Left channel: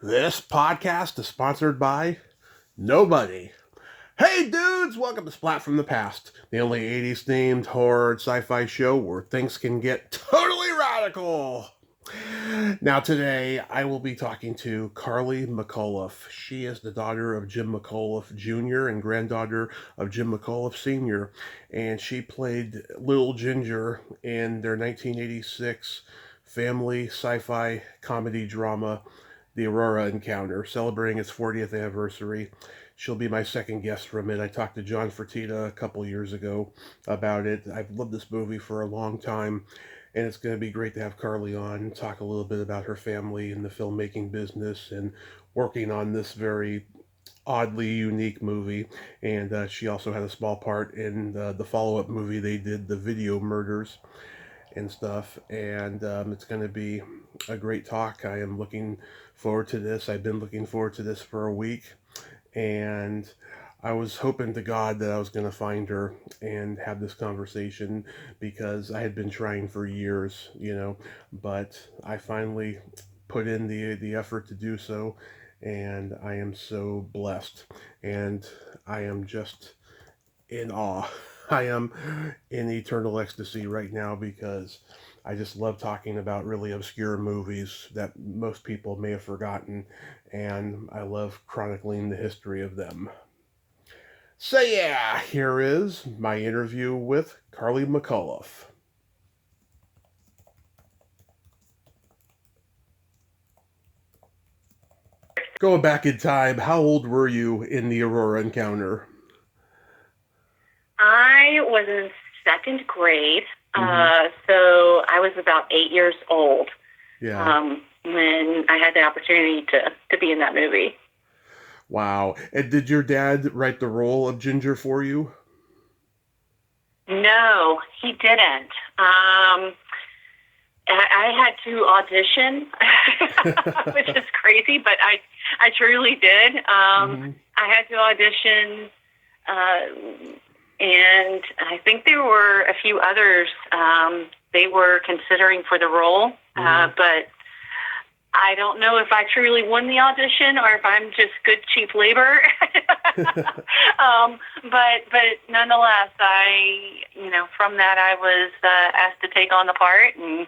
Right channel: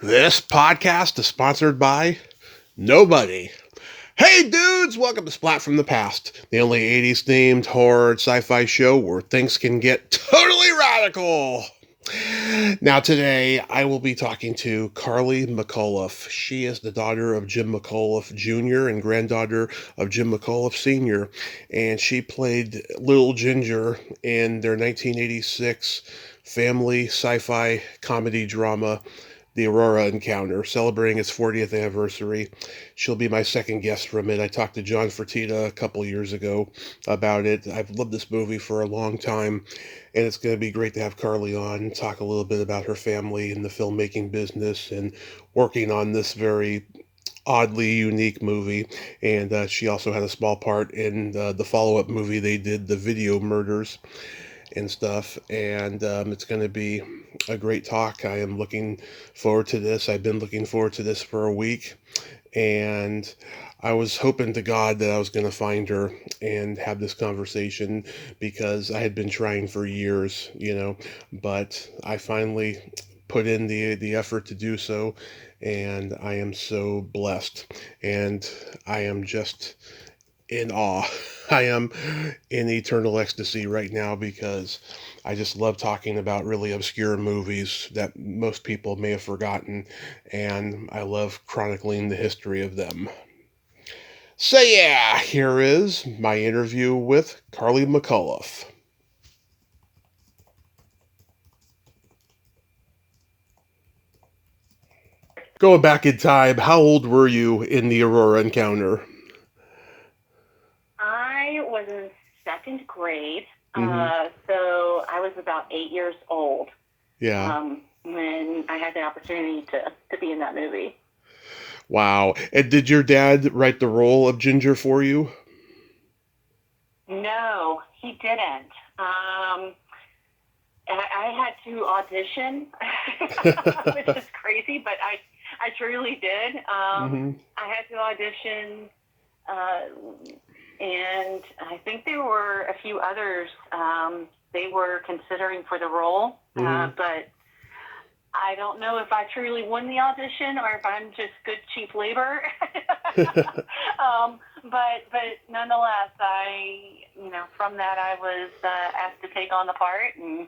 This podcast is sponsored by nobody. Hey dudes, welcome to Splat from the Past, the only 80s themed horror and sci-fi show where things can get totally radical. Now today I will be talking to Carly McCullough. She is the daughter of Jim McCullough Jr. and granddaughter of Jim McCullough Sr. And she played Little Ginger in their 1986 family sci-fi comedy drama the Aurora Encounter, celebrating its 40th anniversary. She'll be my second guest from it. I talked to John Fertitta a couple years ago about it. I've loved this movie for a long time, and it's going to be great to have Carly on and talk a little bit about her family and the filmmaking business and working on this very oddly unique movie. And she also had a small part in the follow-up movie they did, The Video Murders and stuff. And it's going to be a great talk. I am looking forward to this. I've been looking forward to this for a week, and I was hoping to God that I was going to find her and have this conversation because I had been trying for years, but I finally put in the effort to do so, and I am so blessed, and I am just in awe. I am in eternal ecstasy right now because I just love talking about really obscure movies that most people may have forgotten, and I love chronicling the history of them. So, yeah, here is my interview with Carly McCullough. Going back in time, how old were you in the Aurora Encounter? I was in second grade, Mm-hmm. so I was about 8 years old Yeah. when I had the opportunity to be in that movie. Wow. And did your dad write the role of Ginger for you? No, he didn't. I had to audition, which is crazy, but I truly did. Mm-hmm. I had to audition, and I think there were a few others they were considering for the role, Mm-hmm. but I don't know if I truly won the audition or if I'm just good cheap labor. But nonetheless, from that I was asked to take on the part, and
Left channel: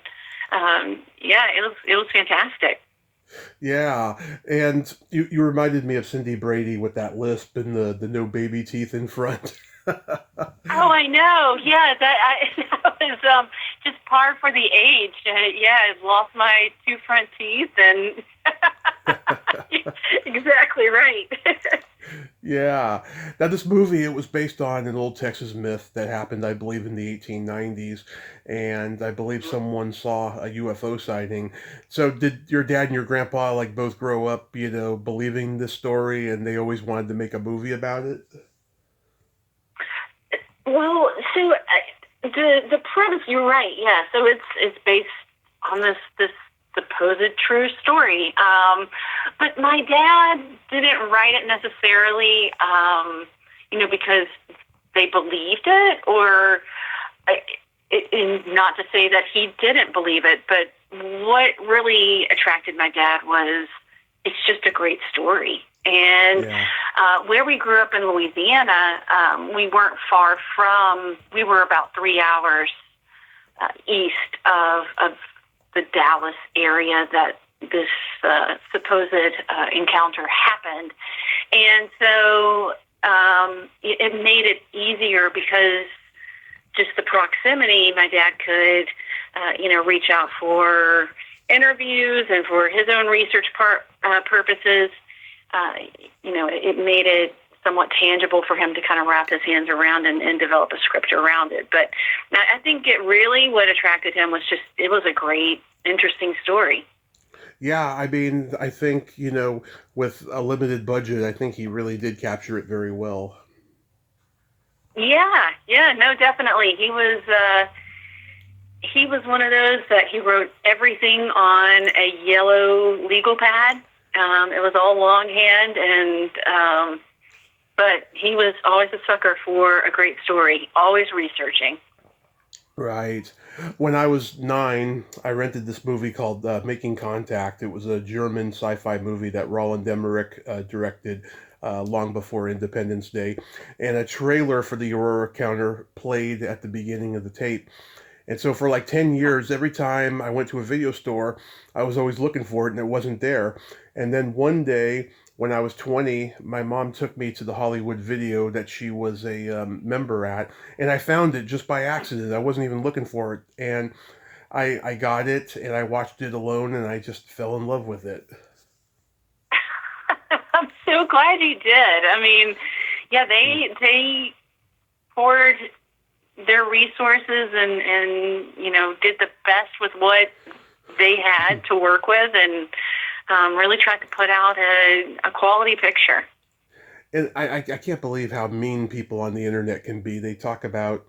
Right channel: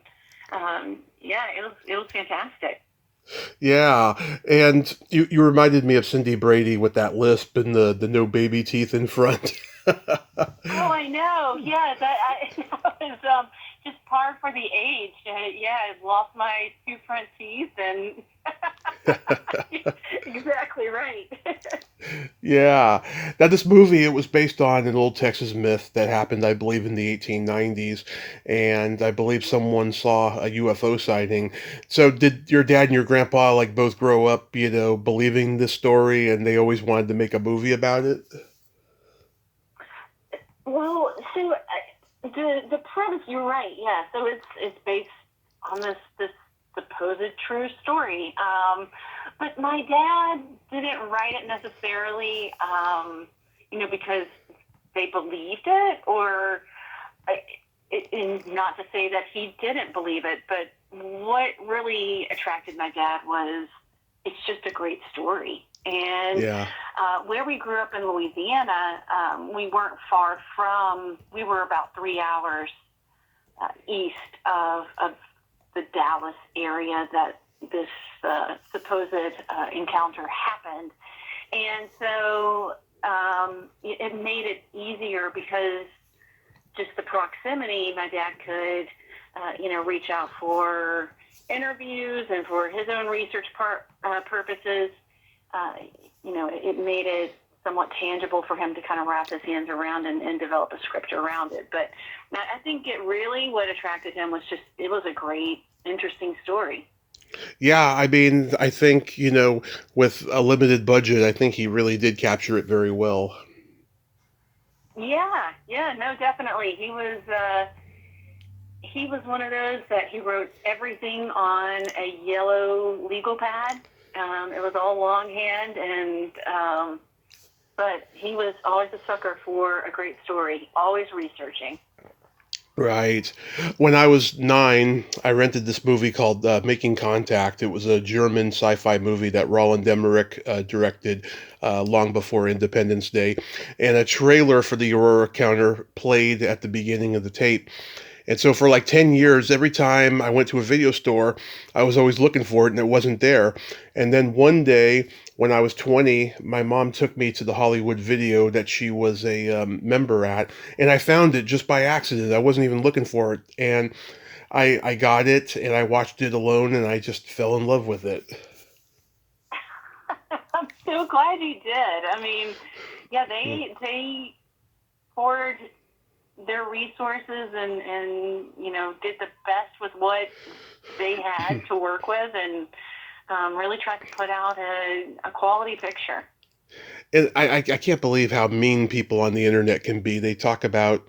yeah, it was fantastic. Yeah, and you reminded me of Cindy Brady with that lisp and the no baby teeth in front. Oh, I know. Yeah, that was just par for the age. Yeah, I've lost my two front teeth, and exactly right. Yeah. Now this movie, it was based on an old Texas myth that happened, I believe, in the 1890s, and I believe someone saw a UFO sighting. So did your dad and your grandpa like both grow up, believing this story and they always wanted to make a movie about it? Well, so the premise, you're right. Yeah, so it's based on this supposed true story. But my dad didn't write it necessarily, because they believed it, or not to say that he didn't believe it, but what really attracted my dad was it's just a great story. And Yeah. where we grew up in Louisiana, we were about 3 hours east of the Dallas area that this supposed encounter happened. And so it made it easier because just the proximity, my dad could, reach out for interviews and for his own research purposes. It made it somewhat tangible for him to kind of wrap his hands around and develop a script around it. But I think what attracted him was just, it was a great, interesting story. Yeah, I mean, I think, with a limited budget, I think he really did capture it very well. Yeah, no, definitely. He was one of those that he wrote everything on a yellow legal pad. It was all longhand, but he was always a sucker for a great story, always researching. Right. When I was 9, I rented this movie called Making Contact. It was a German sci-fi movie that Roland Emmerich directed long before Independence Day. And a trailer for the Aurora Encounter played at the beginning of the tape. And so for like 10 years, every time I went to a video store, I was always looking for it and it wasn't there. And then one day, when I was 20, my mom took me to the Hollywood Video that she was a member at, and I found it just by accident. I wasn't even looking for it. And I got it and I watched it alone and I just fell in love with it. I'm so glad you did. I mean, yeah, they poured their resources and did the best with what they had to work with, and really tried to put out a quality picture. And I can't believe how mean people on the internet can be. They talk about,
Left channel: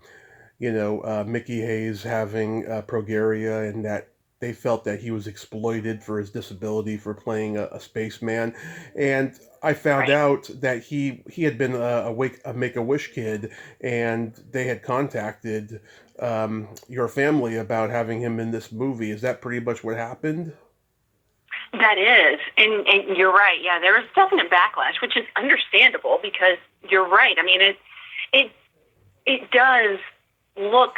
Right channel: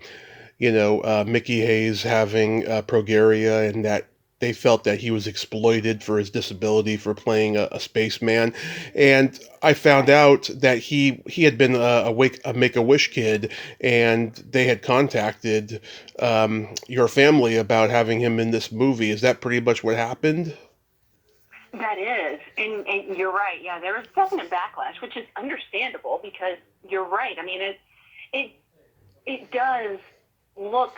Mickey Hayes having progeria and that they felt that he was exploited for his disability for playing a spaceman. And I found Right. out that he had been a Make-A-Wish kid, and they had contacted your family about having him in this movie. Is that pretty much what happened? That is, and you're right. Yeah, there was definite backlash, which is understandable because you're right. I mean, it it does look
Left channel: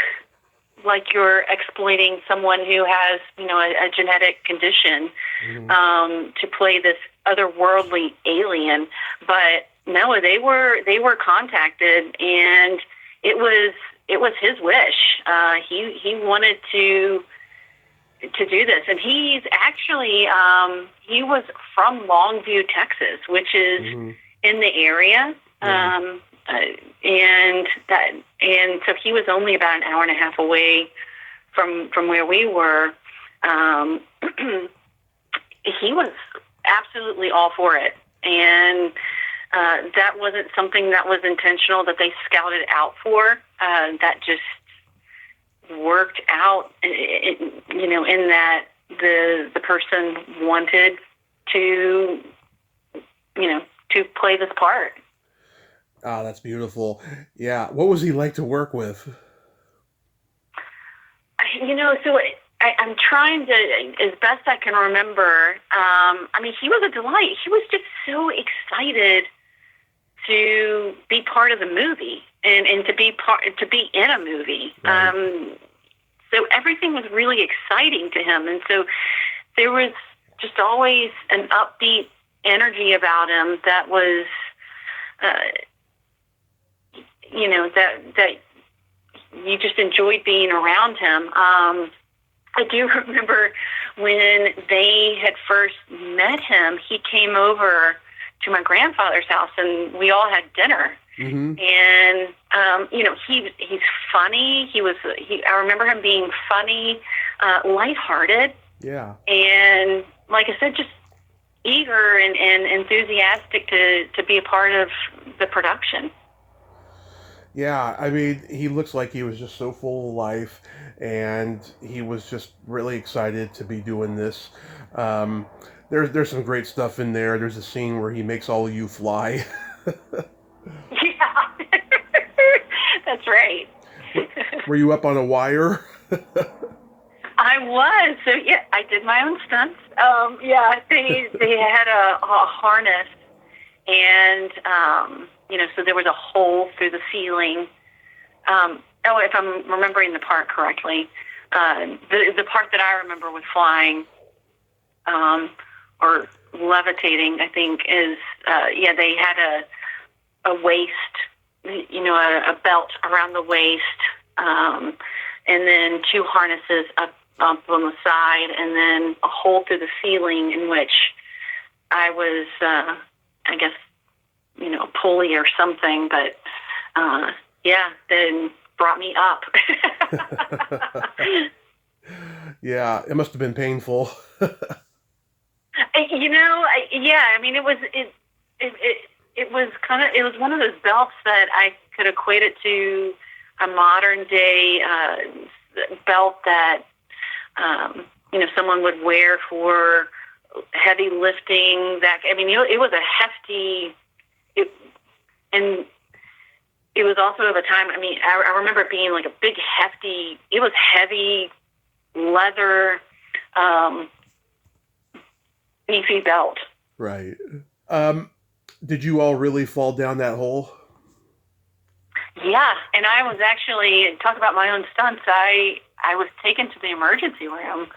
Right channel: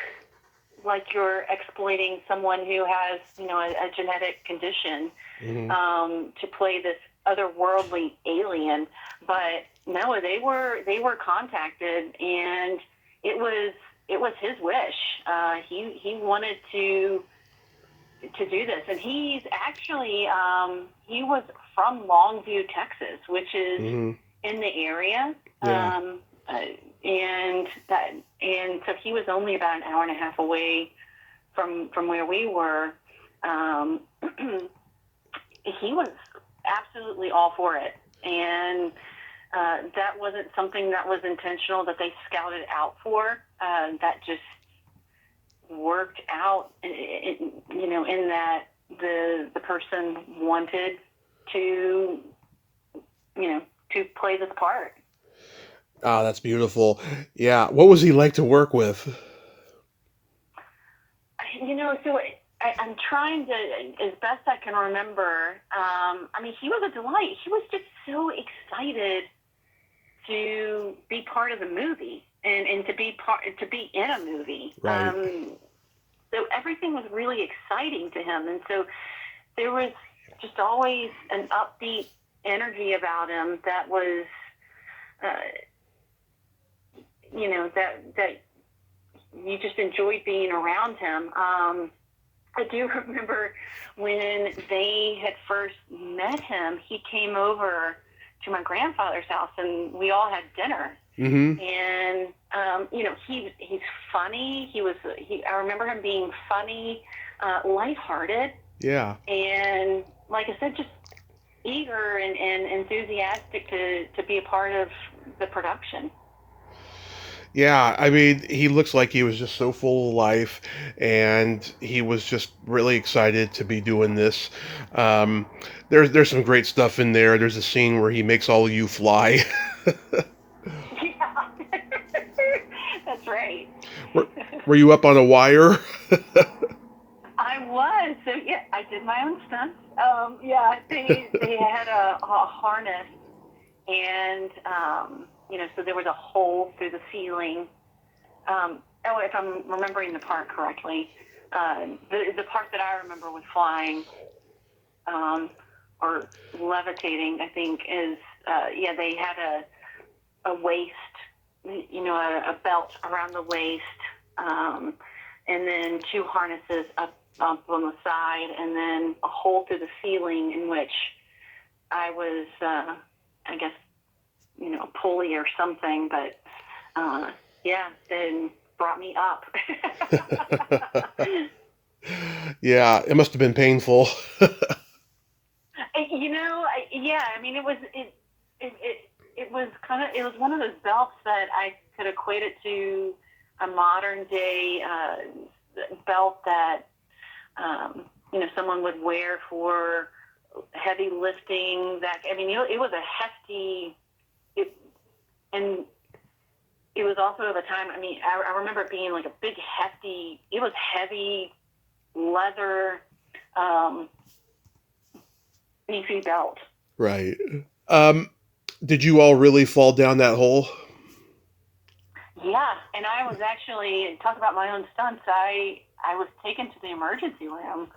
like you're exploiting someone who has, a genetic condition Hmm. to play this otherworldly alien. But no, they were contacted, and it was his wish. He wanted to do this, and he's actually he was from Longview, Texas, which is Hmm. in the area. Yeah. And so he was only about an hour and a half away from where we were. Um, he was absolutely all for it, and that wasn't something that was intentional that they scouted out for. That just worked out, in that the person wanted to, to play this part. Ah, that's beautiful. Yeah. What was he like to work with? So I'm trying to, as best I can remember. I mean, he was a delight. He was just so excited to be part of the movie and to be in a movie. Right. So everything was really exciting to him, and so there was just always an upbeat energy about him that was, that you just enjoyed being around him. I do remember when they had first met him, he came over to my grandfather's house, and we all had dinner. Hmm. And he's funny. I remember him being funny, lighthearted, Yeah. and like I said, just eager and enthusiastic to be a part of the production. Yeah, I mean, he looks like he was just so full of life, and he was just really excited to be doing this. Um, there's some great stuff in there. There's a scene where he makes all of you fly. Yeah, that's right. were, were you up on a wire? I was. So yeah, I did my own stunts. Yeah, they had a harness, and so there was a hole through the ceiling. If I'm remembering the part correctly, the part that I remember with flying, or levitating, I think is they had a waist, a belt around the waist, and then two harnesses up on the side, and then a hole through the ceiling in which I was, I guess, a pulley or something, but then brought me up. Yeah, it must have been painful. I mean, it was one of those belts that I could equate it to a modern day belt that someone would wear for heavy lifting. That, I mean, it was a hefty, and it was also of a time, I mean, I remember it being like a big, hefty, it was heavy leather, beefy belt. Right. Did you all really fall down that hole? Yeah, and I was actually, talk about my own stunts, I was taken to the emergency room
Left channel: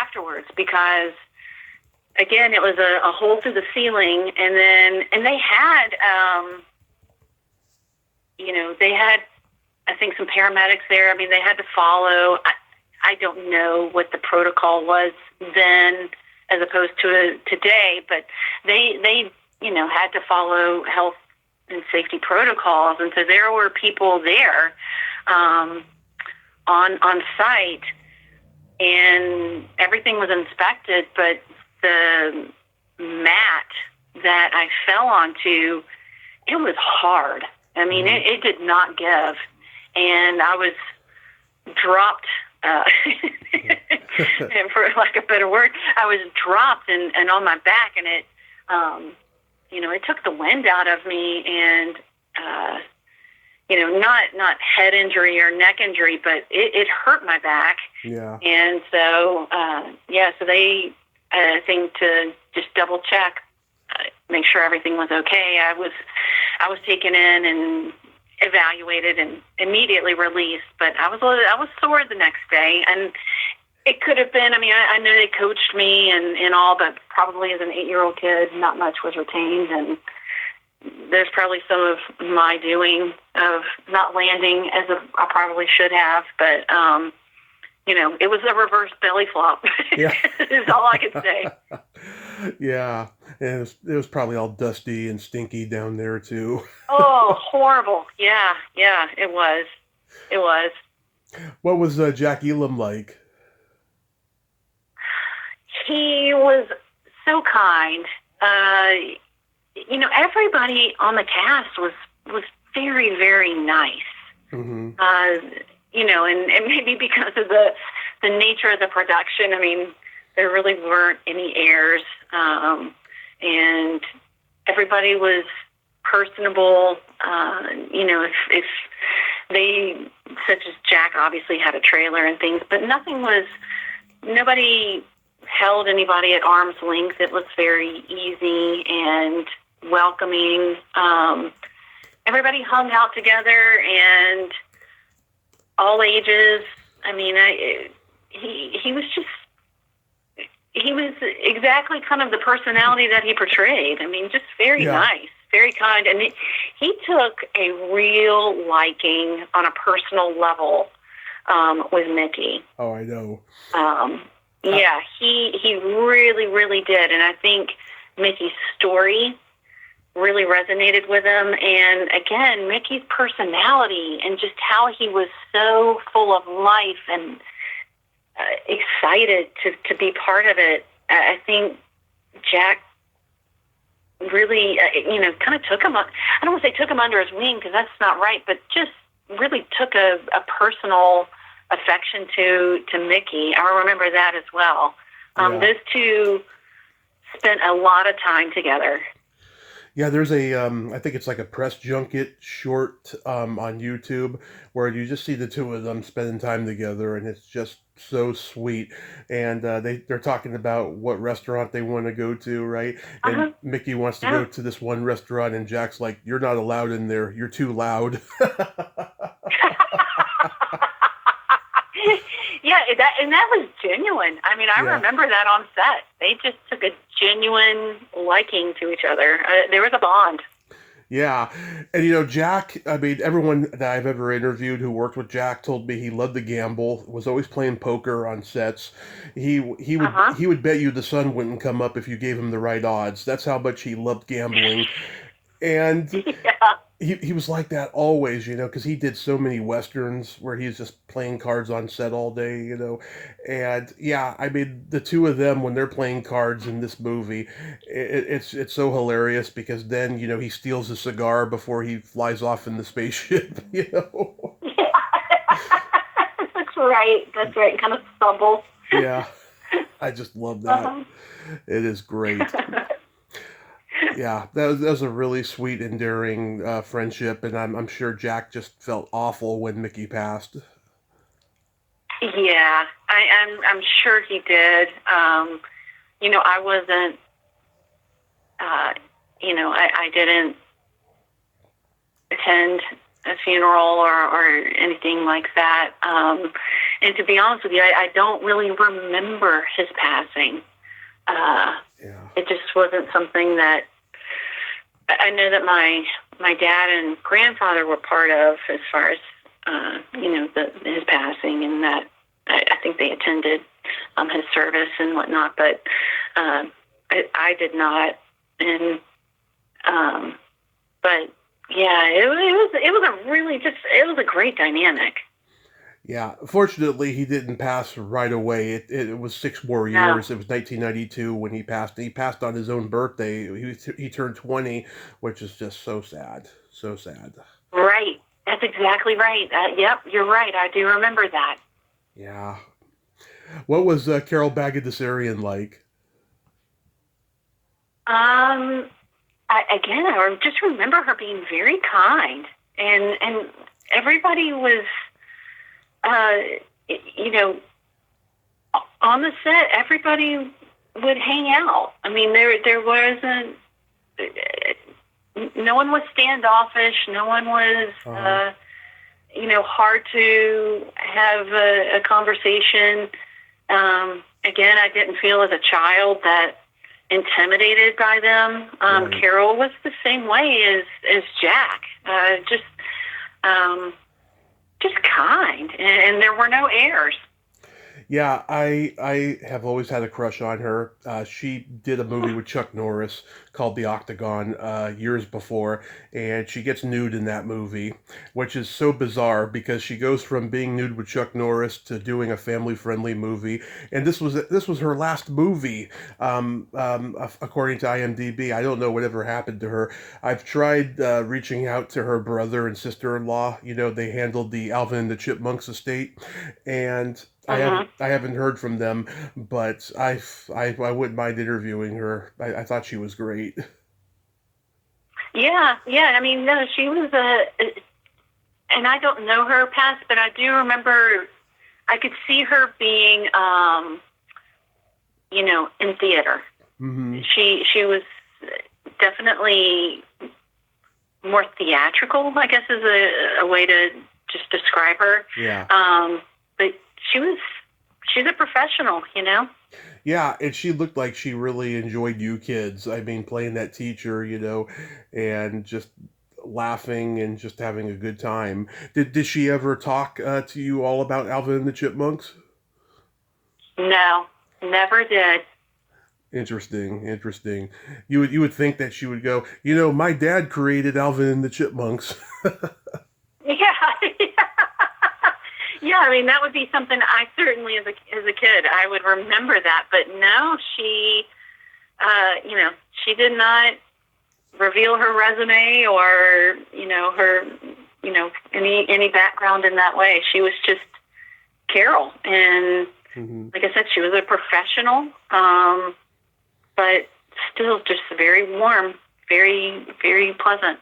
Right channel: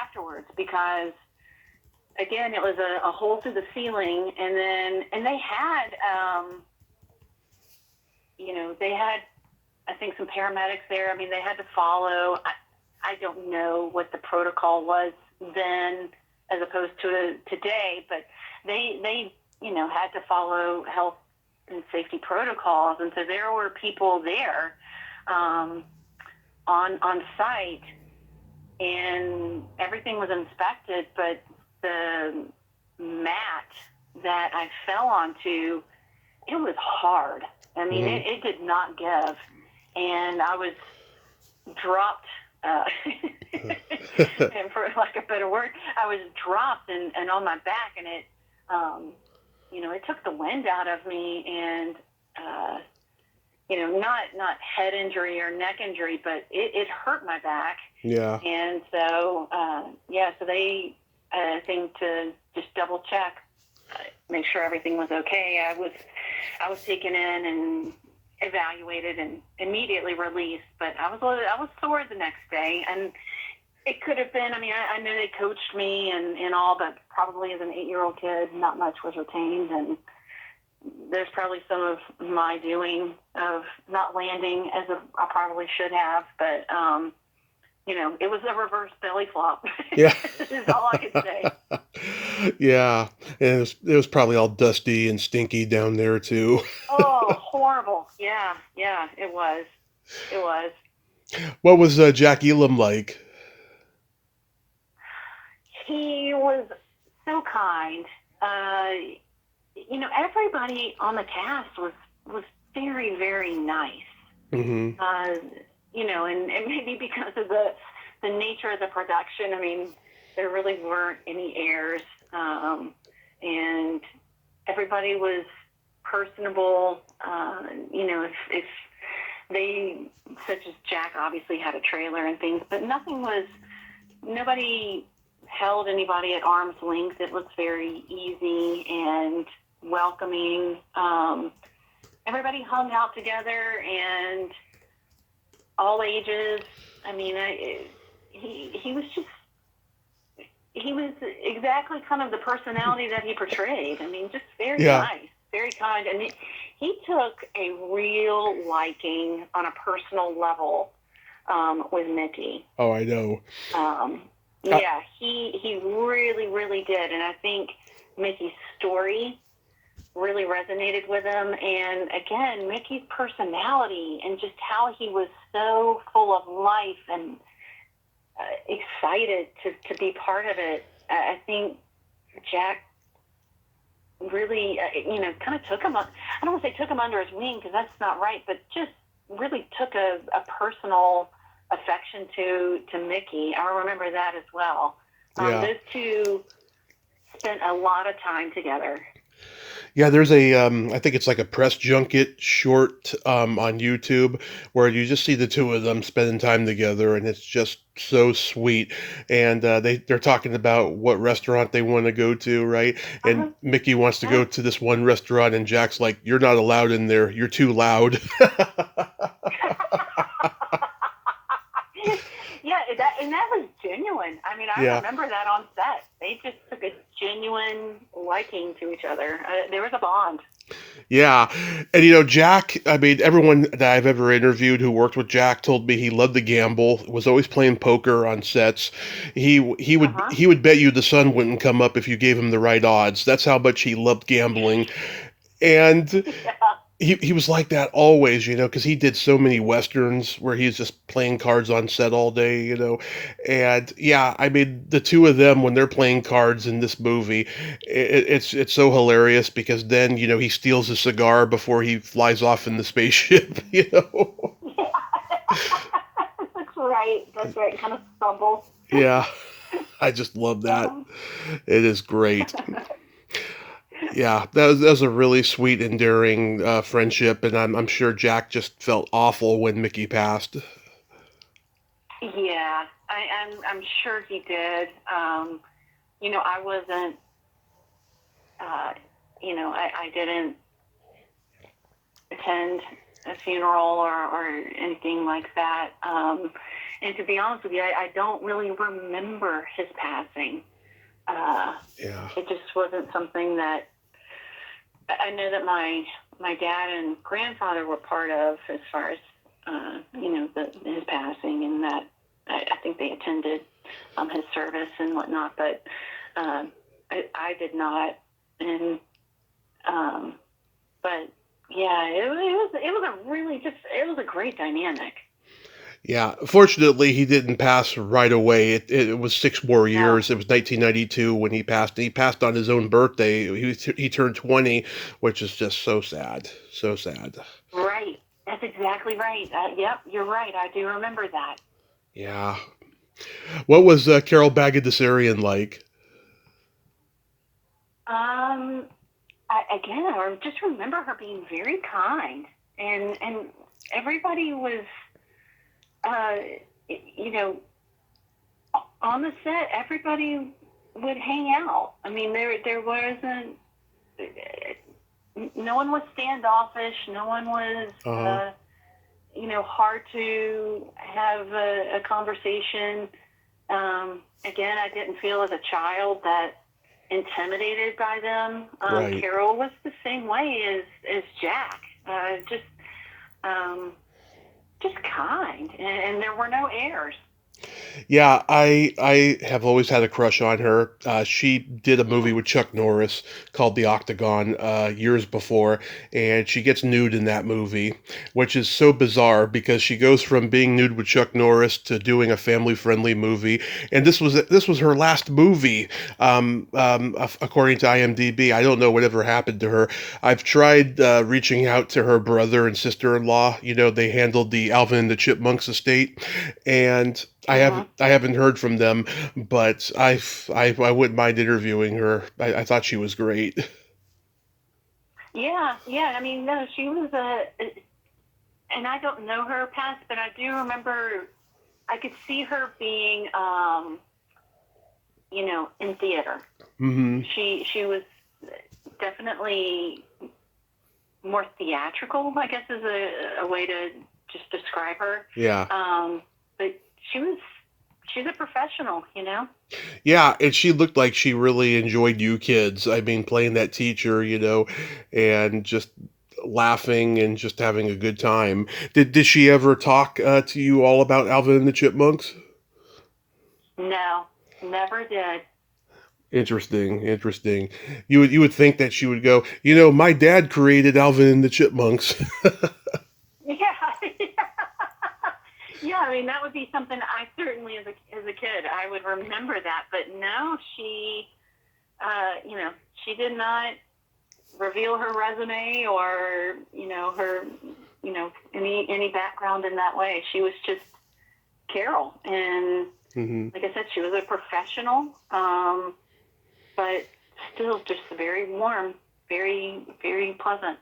afterwards because, again, it was a hole through the ceiling, and they had, they had, I think, some paramedics there. I mean, they had to follow, I don't know what the protocol was then as opposed to today, but they had to follow health and safety protocols, and so there were people there on site, and everything was inspected, but the mat that I fell onto, it was hard. I mean, it did not give, and I was dropped. And for lack of a better word, I was dropped and on my back, and it, it took the wind out of me, and not head injury or neck injury, but it hurt my back. Yeah. And so, so they, I think to just double check, make sure everything was okay. I was taken in and evaluated and immediately released, but I was sore the next day, and it could have been, I mean, I know they coached me and all, but probably as an 8-year-old kid, not much was retained, and there's probably some of my doing of not landing as I probably should have, but, it was a reverse belly flop. Yeah. Is all I could say. Yeah. And it was probably all dusty and stinky down there too. Oh, horrible. Yeah, it was. It was. What was Jack Elam like? He was so kind. Everybody on the cast was very, very nice. Mm-hmm. And maybe because of the nature of the production, I mean, there really weren't any airs, and everybody was personable. If they, such as Jack, obviously had a trailer and things, but nobody held anybody at arm's length. It was very easy and welcoming. Everybody hung out together, and all ages. I mean, he was exactly kind of the personality that he portrayed. I mean, just very nice, very kind, and he took a real liking on a personal level with Mickey. Oh, I know. Yeah, he really, really did, and I think Mickey's story really resonated with him. And again, Mickey's personality and just how he was so full of life and excited to be part of it. I think Jack really, kind of took him. I don't want to say took him under his wing, because that's not right, but just really took a personal affection to Mickey. I remember that as well. Those two spent a lot of time together. Yeah, there's I think it's like a press junket short on YouTube where you just see the two of them spending time together, and it's just so sweet. And they're talking about what restaurant they want to go to, right? And Mickey wants to go to this one restaurant, and Jack's like, "You're not allowed in there. You're too loud." Yeah, that was genuine. I mean, I remember that on set. They just took a genuine liking to each other. There was a bond. Yeah. And, Jack, I mean, everyone that I've ever interviewed who worked with Jack told me he loved to gamble, was always playing poker on sets. He would bet you the sun wouldn't come up if you gave him the right odds. That's how much he loved gambling. And he was like that always, because he did so many Westerns where he's just playing cards on set all day, And yeah, I mean, the two of them, when they're playing cards in this movie, it's so hilarious because then, he steals a cigar before he flies off in the spaceship, Yeah. That's right. Kind of stumbles. Yeah. I just love that. It is great. Yeah, that was a really sweet, enduring friendship, and I'm sure Jack just felt awful when Mickey passed. Yeah, I'm sure he did. I wasn't. I didn't attend a funeral or anything like that. And to be honest with you, I don't really remember his passing. Yeah. It just wasn't something that I know that my dad and grandfather were part of, as far as his passing, and that I think they attended his service and whatnot, but I did not. And but yeah, it was a really it was a great dynamic. Yeah, fortunately, he didn't pass right away. It was 6 more years. No, It was 1992 when he passed. He passed on his own birthday. He turned 20, which is just so sad. So sad. right. That's exactly right. Yep, you're right. I do remember that. Yeah. What was Carol Bagdasarian like? Um, I just remember her being very kind, and everybody was, uh, you know, on the set. Everybody would hang out. I mean, there wasn't. No one was standoffish. No one was, Uh, hard to have a conversation. Again, I didn't feel as a child that intimidated by them. right. Carol was the same way as Jack. Just kind, and there were no airs. Yeah, I have always had a crush on her. She did a movie with Chuck Norris called The Octagon years before, and she gets nude in that movie, which is so bizarre because she goes from being nude with Chuck Norris to doing a family-friendly movie, and this was her last movie, according to IMDb. I don't know whatever happened to her. I've tried reaching out to her brother and sister-in-law. They handled the Alvin and the Chipmunks estate, and Mm-hmm. I haven't heard from them, but I wouldn't mind interviewing her. I thought she was great. Yeah, yeah. I mean, no, she was and I don't know her past, but I do remember I could see her being, in theater. Hmm. She was definitely more theatrical, I guess, is a way to just describe her. Yeah. But she's a professional. Yeah, and she looked like she really enjoyed you kids. I mean, playing that teacher, and just laughing and just having a good time. Did she ever talk to you all about Alvin and the Chipmunks? No, never did. Interesting, interesting. You would think that she would go, my dad created Alvin and the Chipmunks. Yeah, yeah. I mean, that would be something I certainly, as a kid, I would remember that. But no, she did not reveal her resume or her any background in that way. She was just Carol, and Hmm. like I said, she was a professional, but still just very warm, very, very pleasant.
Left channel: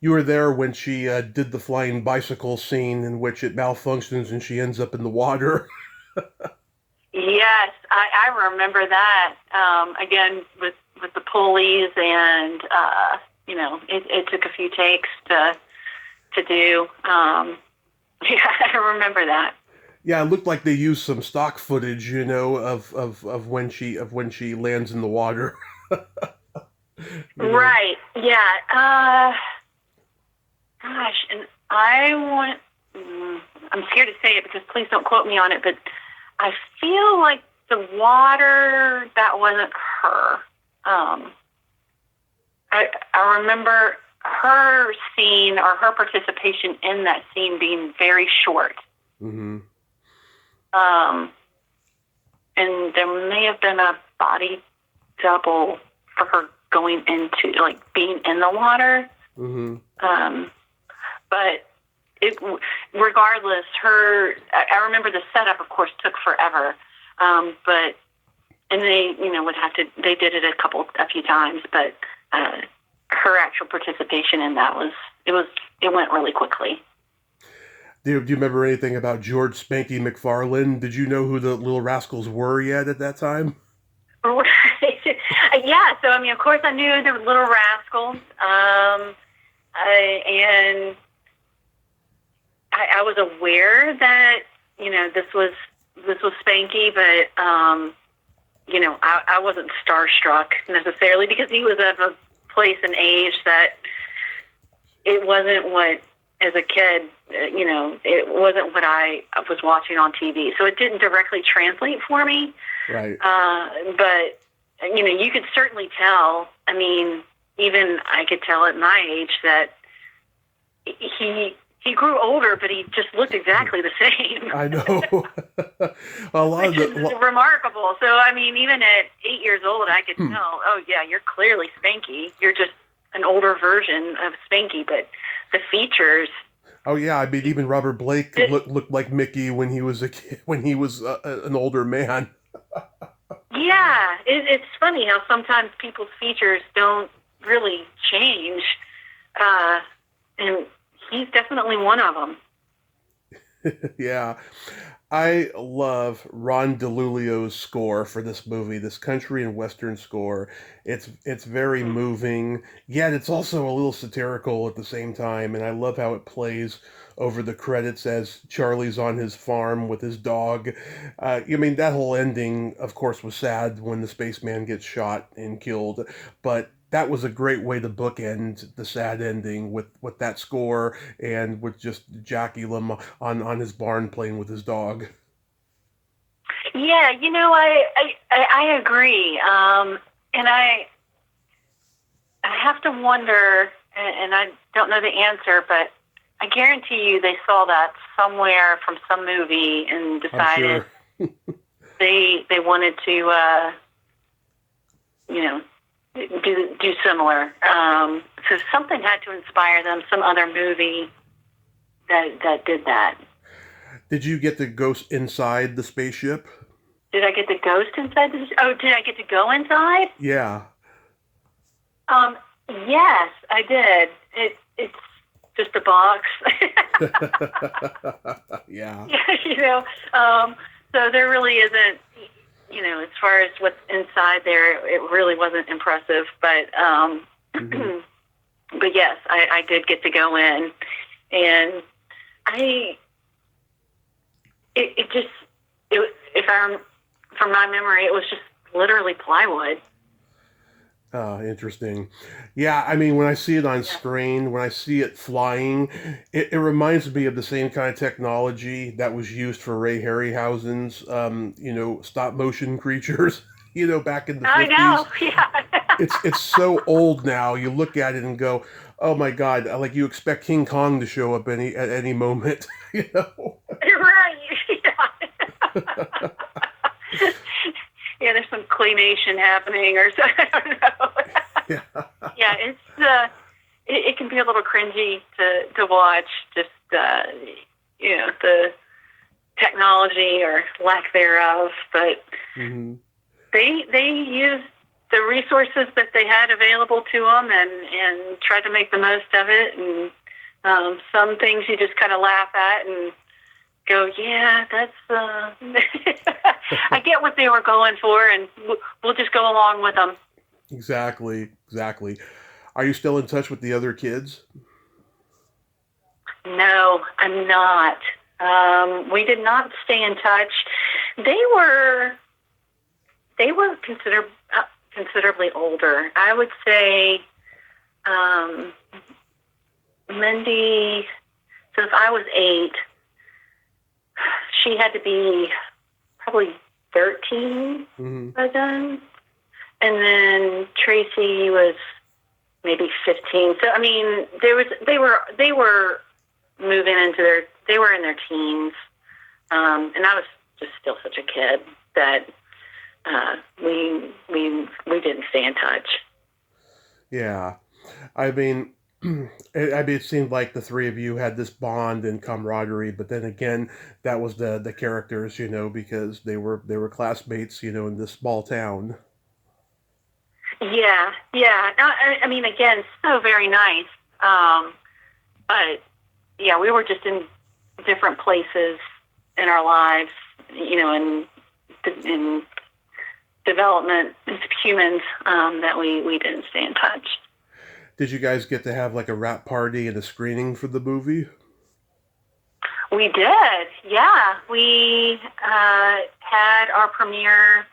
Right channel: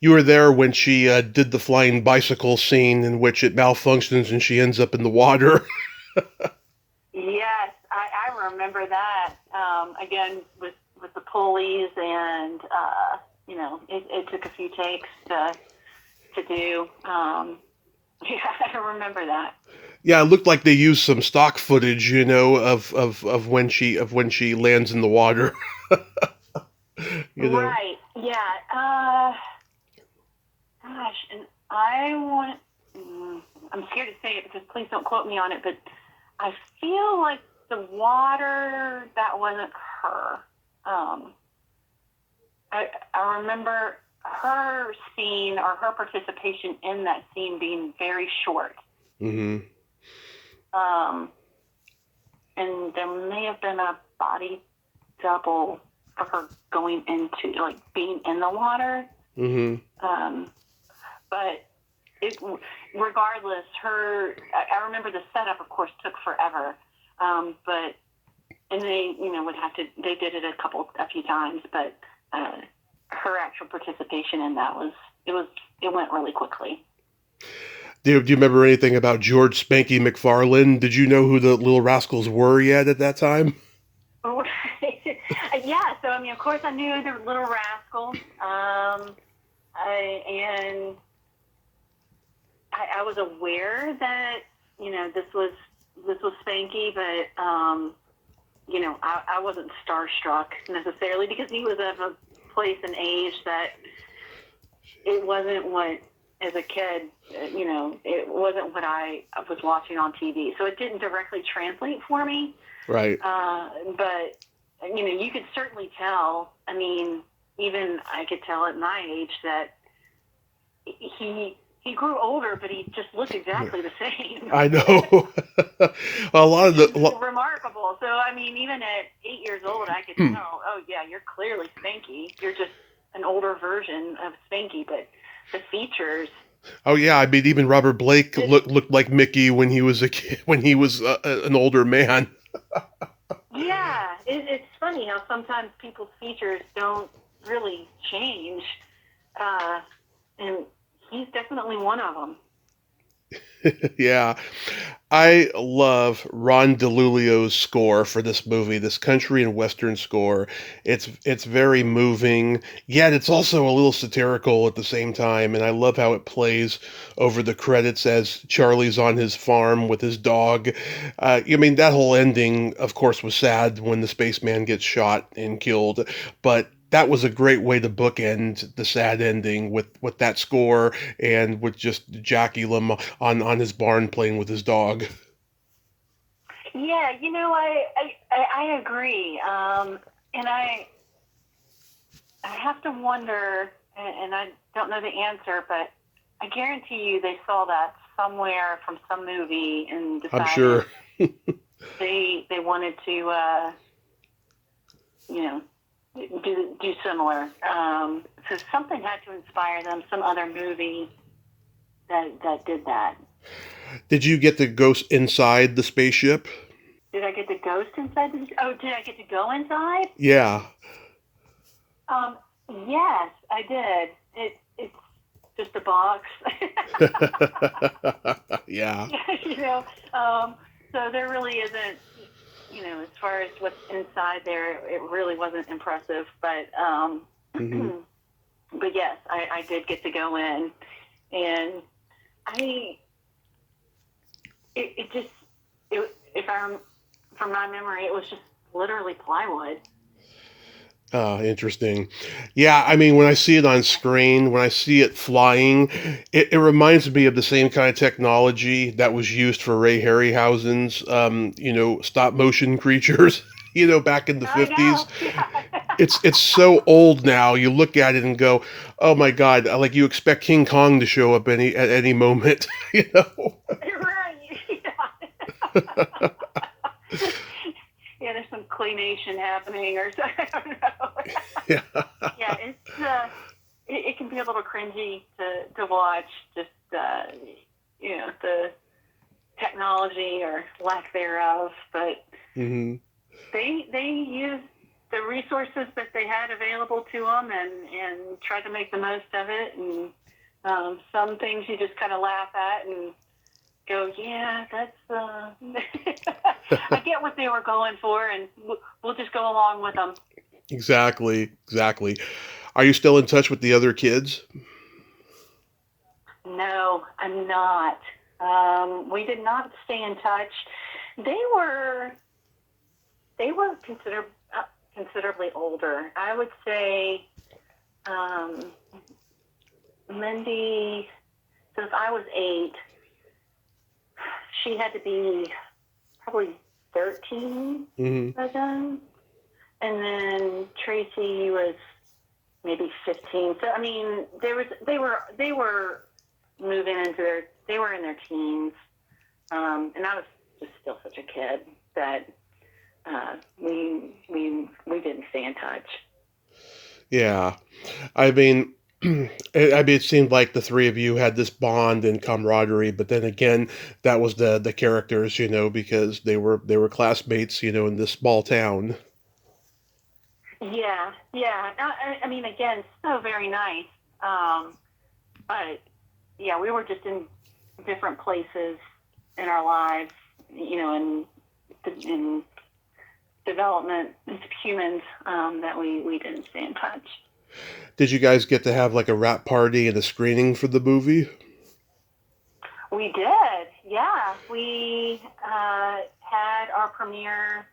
You were there when she did the flying bicycle scene in which it malfunctions and she ends up in the water. Yes, I remember that. Again, with the pulleys, and it took a few takes to do. Yeah, I remember that. Yeah, it looked like they used some stock footage, of when she lands in the water. you know. Right. Yeah. Gosh, and I want. I'm scared to say it because please don't quote me on it, but I feel like the water, that wasn't her. I remember her scene or her participation in that scene being very short. Hmm. And there may have been a body double for her going into, like, being in the water. Hmm. But regardless, I remember the setup, of course, took forever. And they, they did it a few times, but her actual participation in that it went really quickly. Do you remember anything about George Spanky McFarlane? Did you know who the Little Rascals were yet at that time? Yeah, so I mean, of course, I knew the Little Rascals, and I was aware that this was Spanky, but I wasn't starstruck necessarily because he was of a place and age that it wasn't what, as a kid, it wasn't what I was watching on TV, so it didn't directly translate for me. Right. But you could certainly tell. I mean, even I could tell at my age that he grew older, but he just looked exactly the same. I know. A lot of the remarkable. So I mean, even at 8 years old, I could tell. Oh yeah, you're clearly Spanky. You're just an older version of Spanky, but the features. Oh yeah, I mean, even Robert Blake looked like Mickey when he was a kid, when he was an older man. Yeah, it's funny how sometimes people's features don't really change, and he's definitely one of them. Yeah. I love Ron DeLulio's score for this movie, this country and western score. It's very moving, yet it's also a little satirical at the same time, and I love how it plays over the credits as Charlie's on his farm with his dog. I mean, that whole ending, of course, was sad when the spaceman gets shot and killed, but that was a great way to bookend the sad ending with that score and with just Jack Elam on his barn playing with his dog. Yeah, I agree, and I have to wonder, and I don't know the answer, but I guarantee you they saw that somewhere from some movie and decided I'm sure. they wanted to do similar. So something had to inspire them, some other movie that did that. Did you get to go inside the spaceship? Did I get the ghost inside the? Oh, did I get to go inside? Yeah. Yes, I did. It's just a box. Yeah. So there really isn't. As far as what's inside there, it really wasn't impressive. But but yes, I did get to go in, and if I'm from my memory, it was just literally plywood. Interesting. Yeah, I mean, when I see it on screen, when I see it flying, it reminds me of the same kind of technology that was used for Ray Harryhausen's, stop motion creatures, back in the 50s. I know, yeah. It's so old now. You look at it and go, "Oh my God!" Like you expect King Kong to show up at any moment, You're right. Yeah. Yeah, there's some claymation happening or something. I don't know. Yeah. Yeah, it can be a little cringy to watch. Just the technology or lack thereof, but they used the resources that they had available to them and tried to make the most of it. And some things you just kind of laugh at and go, yeah, that's. I get what they were going for, and we'll just go along with them. Exactly. Are you still in touch with the other kids? No, I'm not. We did not stay in touch. They were considerably older. I would say, Mindy. So if I was 8, she had to be probably 13 by then, and then Tracy was maybe 15. So I mean, they were moving into they were in their teens, and I was just still such a kid that we didn't stay in touch. Yeah, I mean, it seemed like the three of you had this bond and camaraderie, but then again, that was the characters, because they were classmates, in this small town. Yeah. No, I mean, again, so very nice. But yeah, we were just in different places in our lives, in development as humans, that we didn't stay in touch. Did you guys get to have like a wrap party and a screening for the movie? We did, yeah. We had our premiere.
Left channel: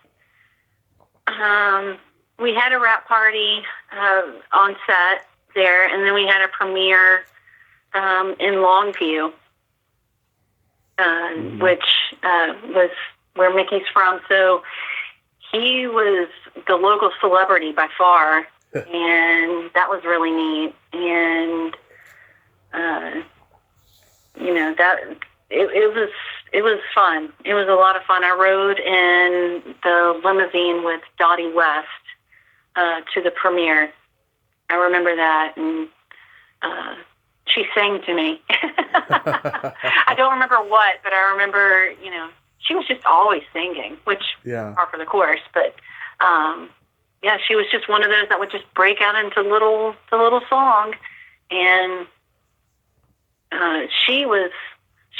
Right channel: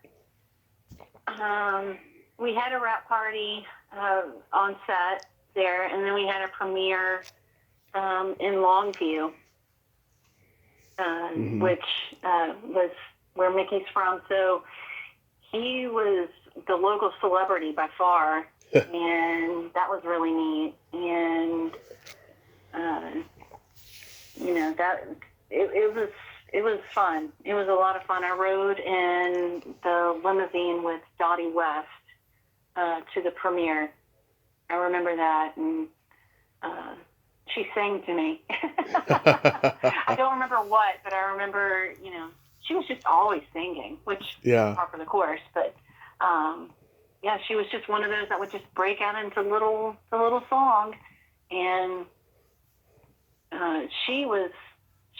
We had a wrap party on set there, and then we had a premiere in Longview, which was where Mickey's from. So he was the local celebrity by far, and that was really neat. And that it was fun. It was a lot of fun. I rode in the limousine with Dottie West to the premiere. I remember that, and she sang to me. I don't remember what, but I remember, she was just always singing, which par for the course. But she was just one of those that would just break out into the little song, and she was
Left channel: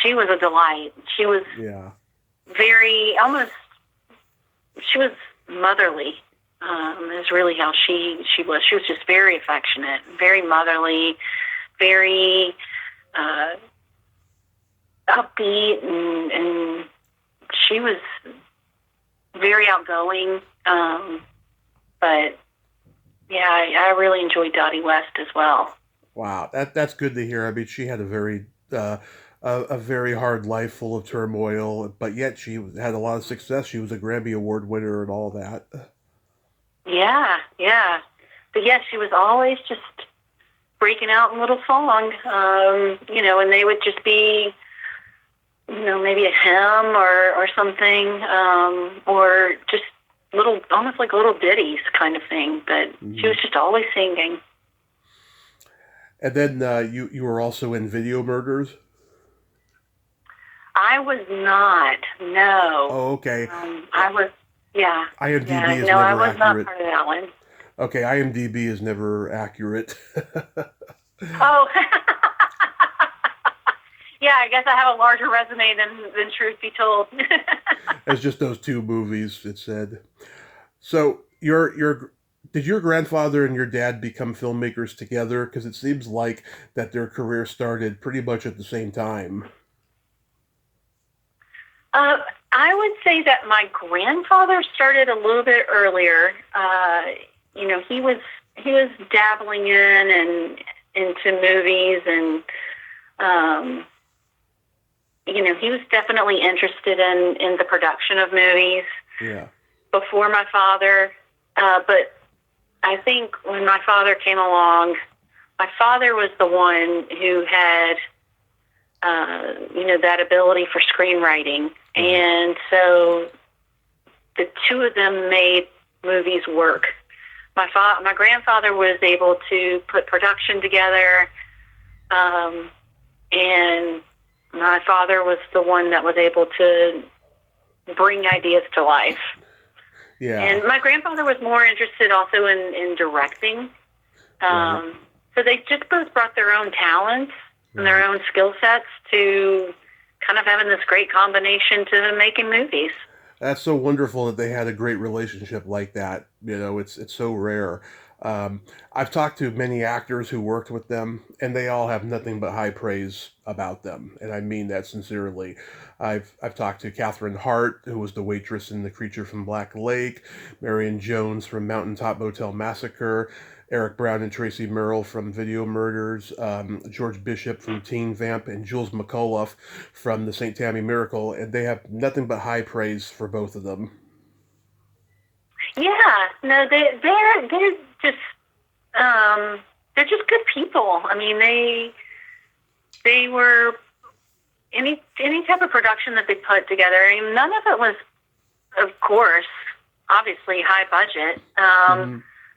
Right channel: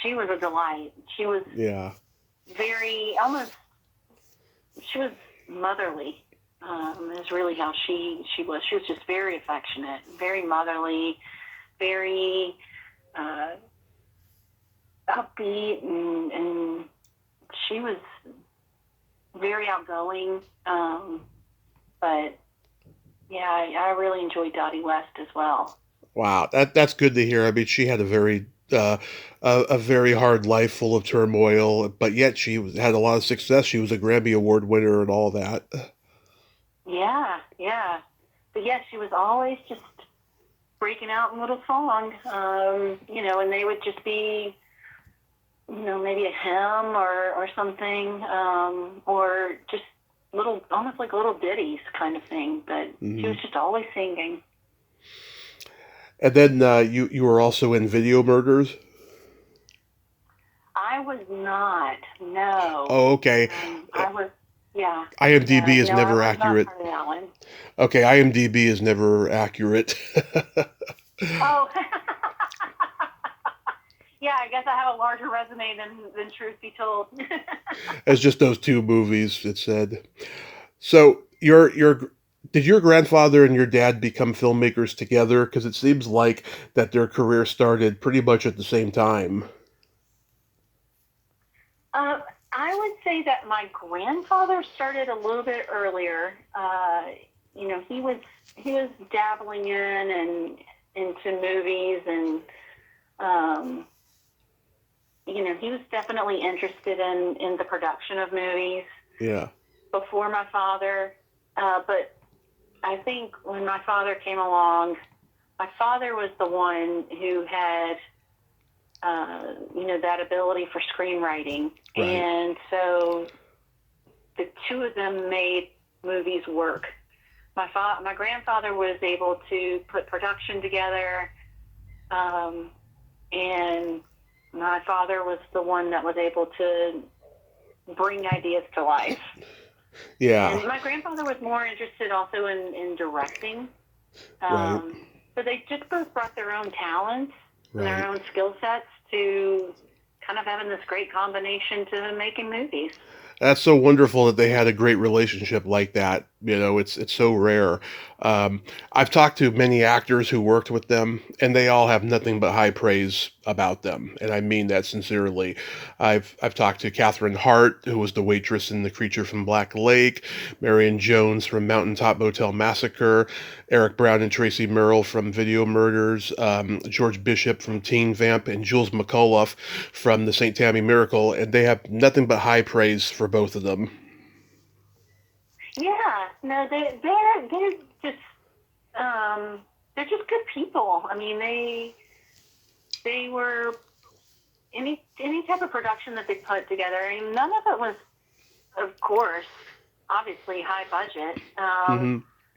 a delight. She was she was motherly. Is really how she was. She was just very affectionate, very motherly, very upbeat, and she was very outgoing. But yeah, I really enjoyed Dottie West as well. Wow, that's good to hear. I mean, she had a very hard life full of turmoil, but yet she had a lot of success. She was a Grammy Award winner and all that. Yeah. But yeah, she was always just breaking out in little songs, and they would just be, maybe a hymn or something, or just almost like little ditties kind of thing. But she was just always singing. And then you were also in Video Murders? I was not, no. Oh, okay. I was, yeah. IMDb is never accurate. Not part of that one. Okay, IMDb is never accurate. Oh. Yeah, I guess I have a larger resume than truth be told. It's just those two movies, it said. So did your grandfather and your dad become filmmakers together? Because it seems like that their career started pretty much at the same time. I would say that my grandfather started a little bit earlier. He was dabbling in and into movies, and he was definitely interested in the production of movies. Yeah. Before my father, but I think when my father came along, my father was the one who had, that ability for screenwriting. Right. And so the two of them made movies work. My grandfather was able to put production together, and my father was the one that was able to bring ideas to life. Yeah. And my grandfather was more interested also in directing. Right. So they just both brought their own talents and their own skill sets to kind of having this great combination to making movies. That's so wonderful that they had a great relationship like that. It's so rare. I've talked to many actors who worked with them, and they all have nothing but high praise about them, and I mean that sincerely. I've talked to Catherine Hart, who was the waitress in The Creature from Black Lake, Marion Jones from Mountaintop Motel Massacre, Eric Brown and Tracy Merrill from Video Murders, George Bishop from Teen Vamp, and Jules McCullough from The St. Tammy Miracle, and they have nothing but high praise for both of them. Yeah, no, they're just good people. I mean, they were any type of production that they put together. I mean, none of it was, of course, obviously high budget,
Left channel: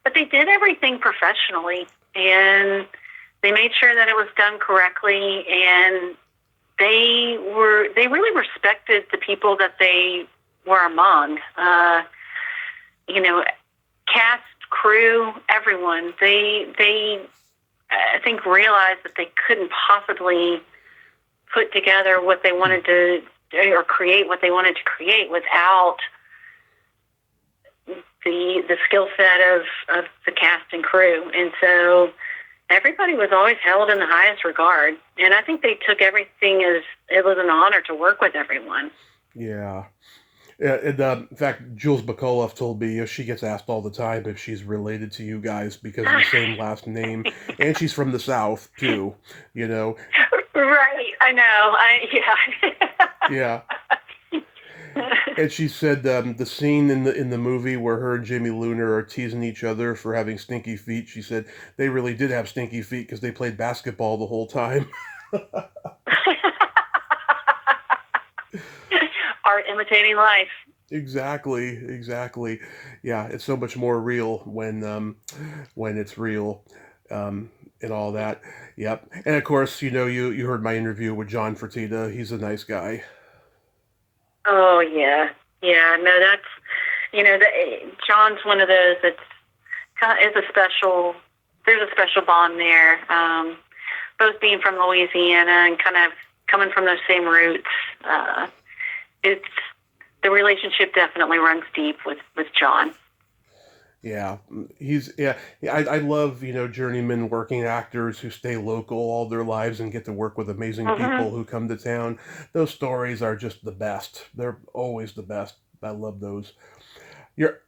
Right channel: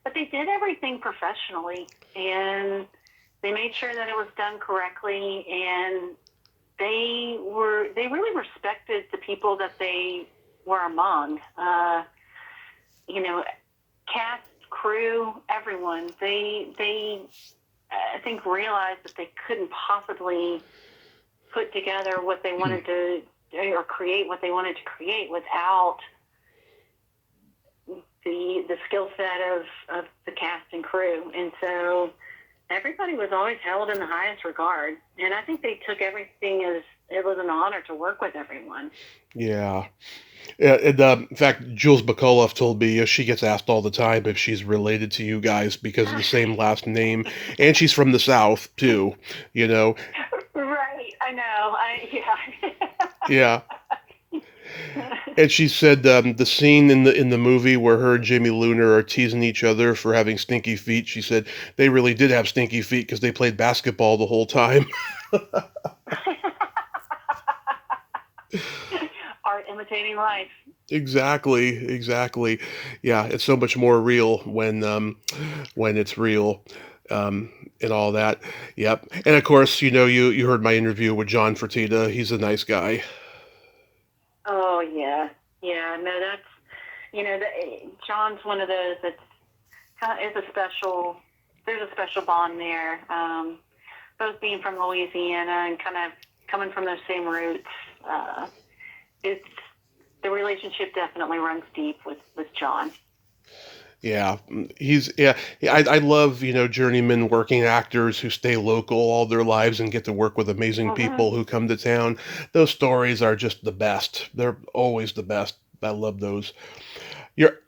but they did everything professionally, and they made sure that it was done correctly, and they really respected the people that they were among. Cast crew, everyone, they I think realized that they couldn't possibly put together what they wanted to, or create what they wanted to create without the skill set of the cast and crew. And so everybody was always held in the highest regard. And I think they took everything as it was an honor to work with everyone. Yeah. In fact, Jules McCullough told me she gets asked all the time if she's related to you guys because of the same last name, and she's from the South too. You know. Right. I know. Yeah. And she said the scene in the movie where her and Jamie Luner are teasing each other for having stinky feet. She said they really did have stinky feet because they played basketball the whole time. Art imitating life. Exactly. Yeah, it's so much more real when it's real, and all that. Yep. And of course, you heard my interview with John Fertitta. He's a nice guy. Oh yeah. No, that's John's one of those that's is a special. There's a special bond there. Both being from Louisiana and kind of coming from those same roots. It's the relationship definitely runs deep with John. Yeah, I love, journeyman working actors who stay local all their lives and get to work with amazing people who come to town. Those stories are just the best. They're always the best. I love those.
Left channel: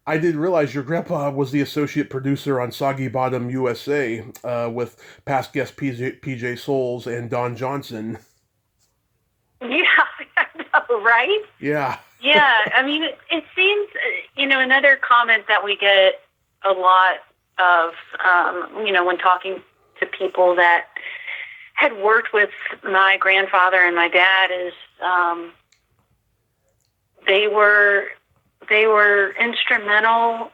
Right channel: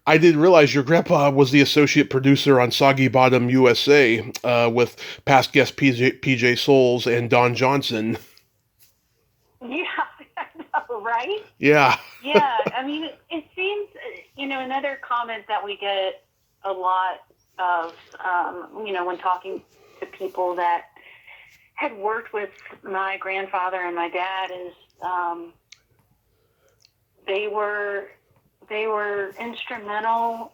I didn't realize your grandpa was the associate producer on Soggy Bottom USA, with past guest PJ Souls and Don Johnson. Yeah, I know, right? Yeah. Yeah, I mean, it seems, another comment that we get a lot of, when talking to people that had worked with my grandfather and my dad is they were instrumental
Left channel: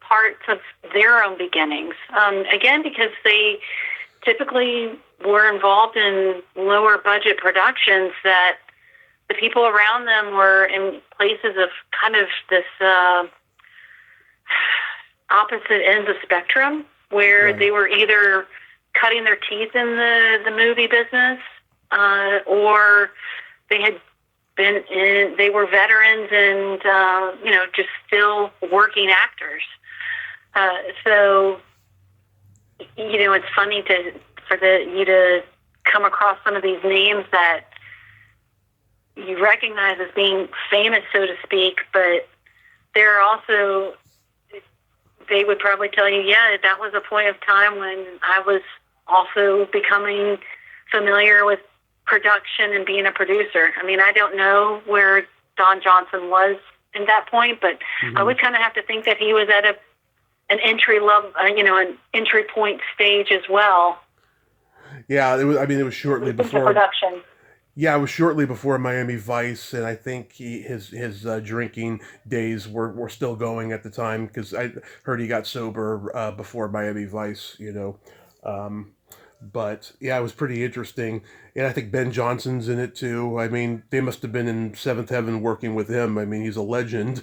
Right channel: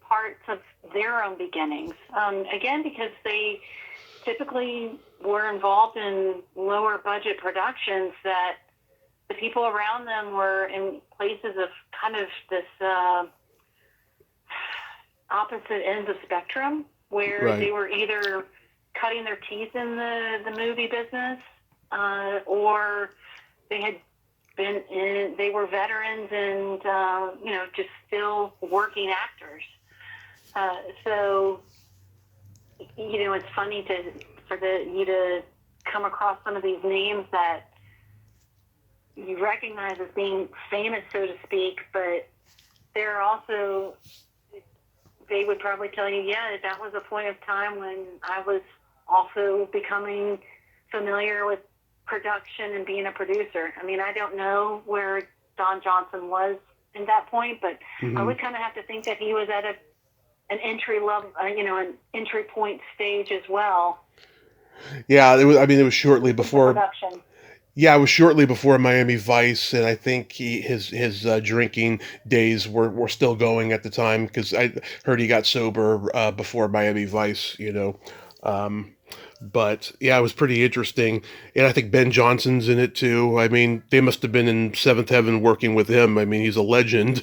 parts of their own beginnings. Again, because they typically were involved in lower budget productions that the people around them were in places of kind of this opposite ends of spectrum where Right. they were either cutting their teeth in the movie business or they had they were veterans and, just still working actors. So, it's funny for you to come across some of these names that you recognize as being famous, so to speak, but they're also, they would probably tell you, yeah, that was a point of time when I was also becoming familiar with production and being a producer. I mean, I don't know where Don Johnson was in that point, but I would kind of have to think that he was at an entry level, an entry point stage as well. Yeah, it was shortly before production. Yeah, it was shortly before Miami Vice, and I think his drinking days were still going at the time because I heard he got sober before Miami Vice. But yeah, it was pretty interesting, and I think Ben Johnson's in it too. I mean, they must have been in seventh heaven working with him. I mean, he's a legend.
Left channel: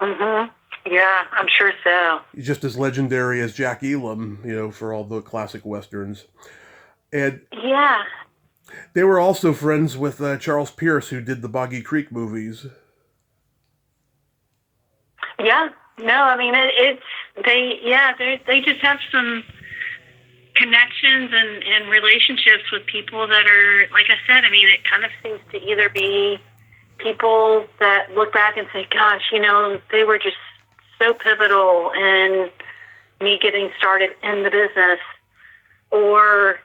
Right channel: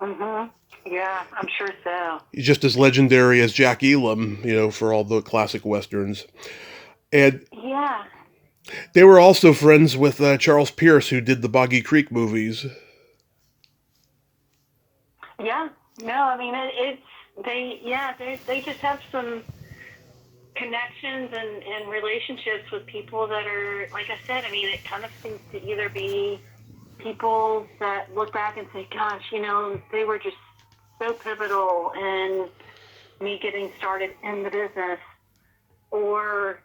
Yeah, I'm sure so. He's just as legendary as Jack Elam, for all the classic westerns. And yeah. They were also friends with Charles Pierce, who did the Boggy Creek movies. Yeah, no, I mean they just have some connections and relationships with people that are, like I said, I mean, it kind of seems to either be people that look back and say, gosh, they were just so pivotal in me getting started in the business, or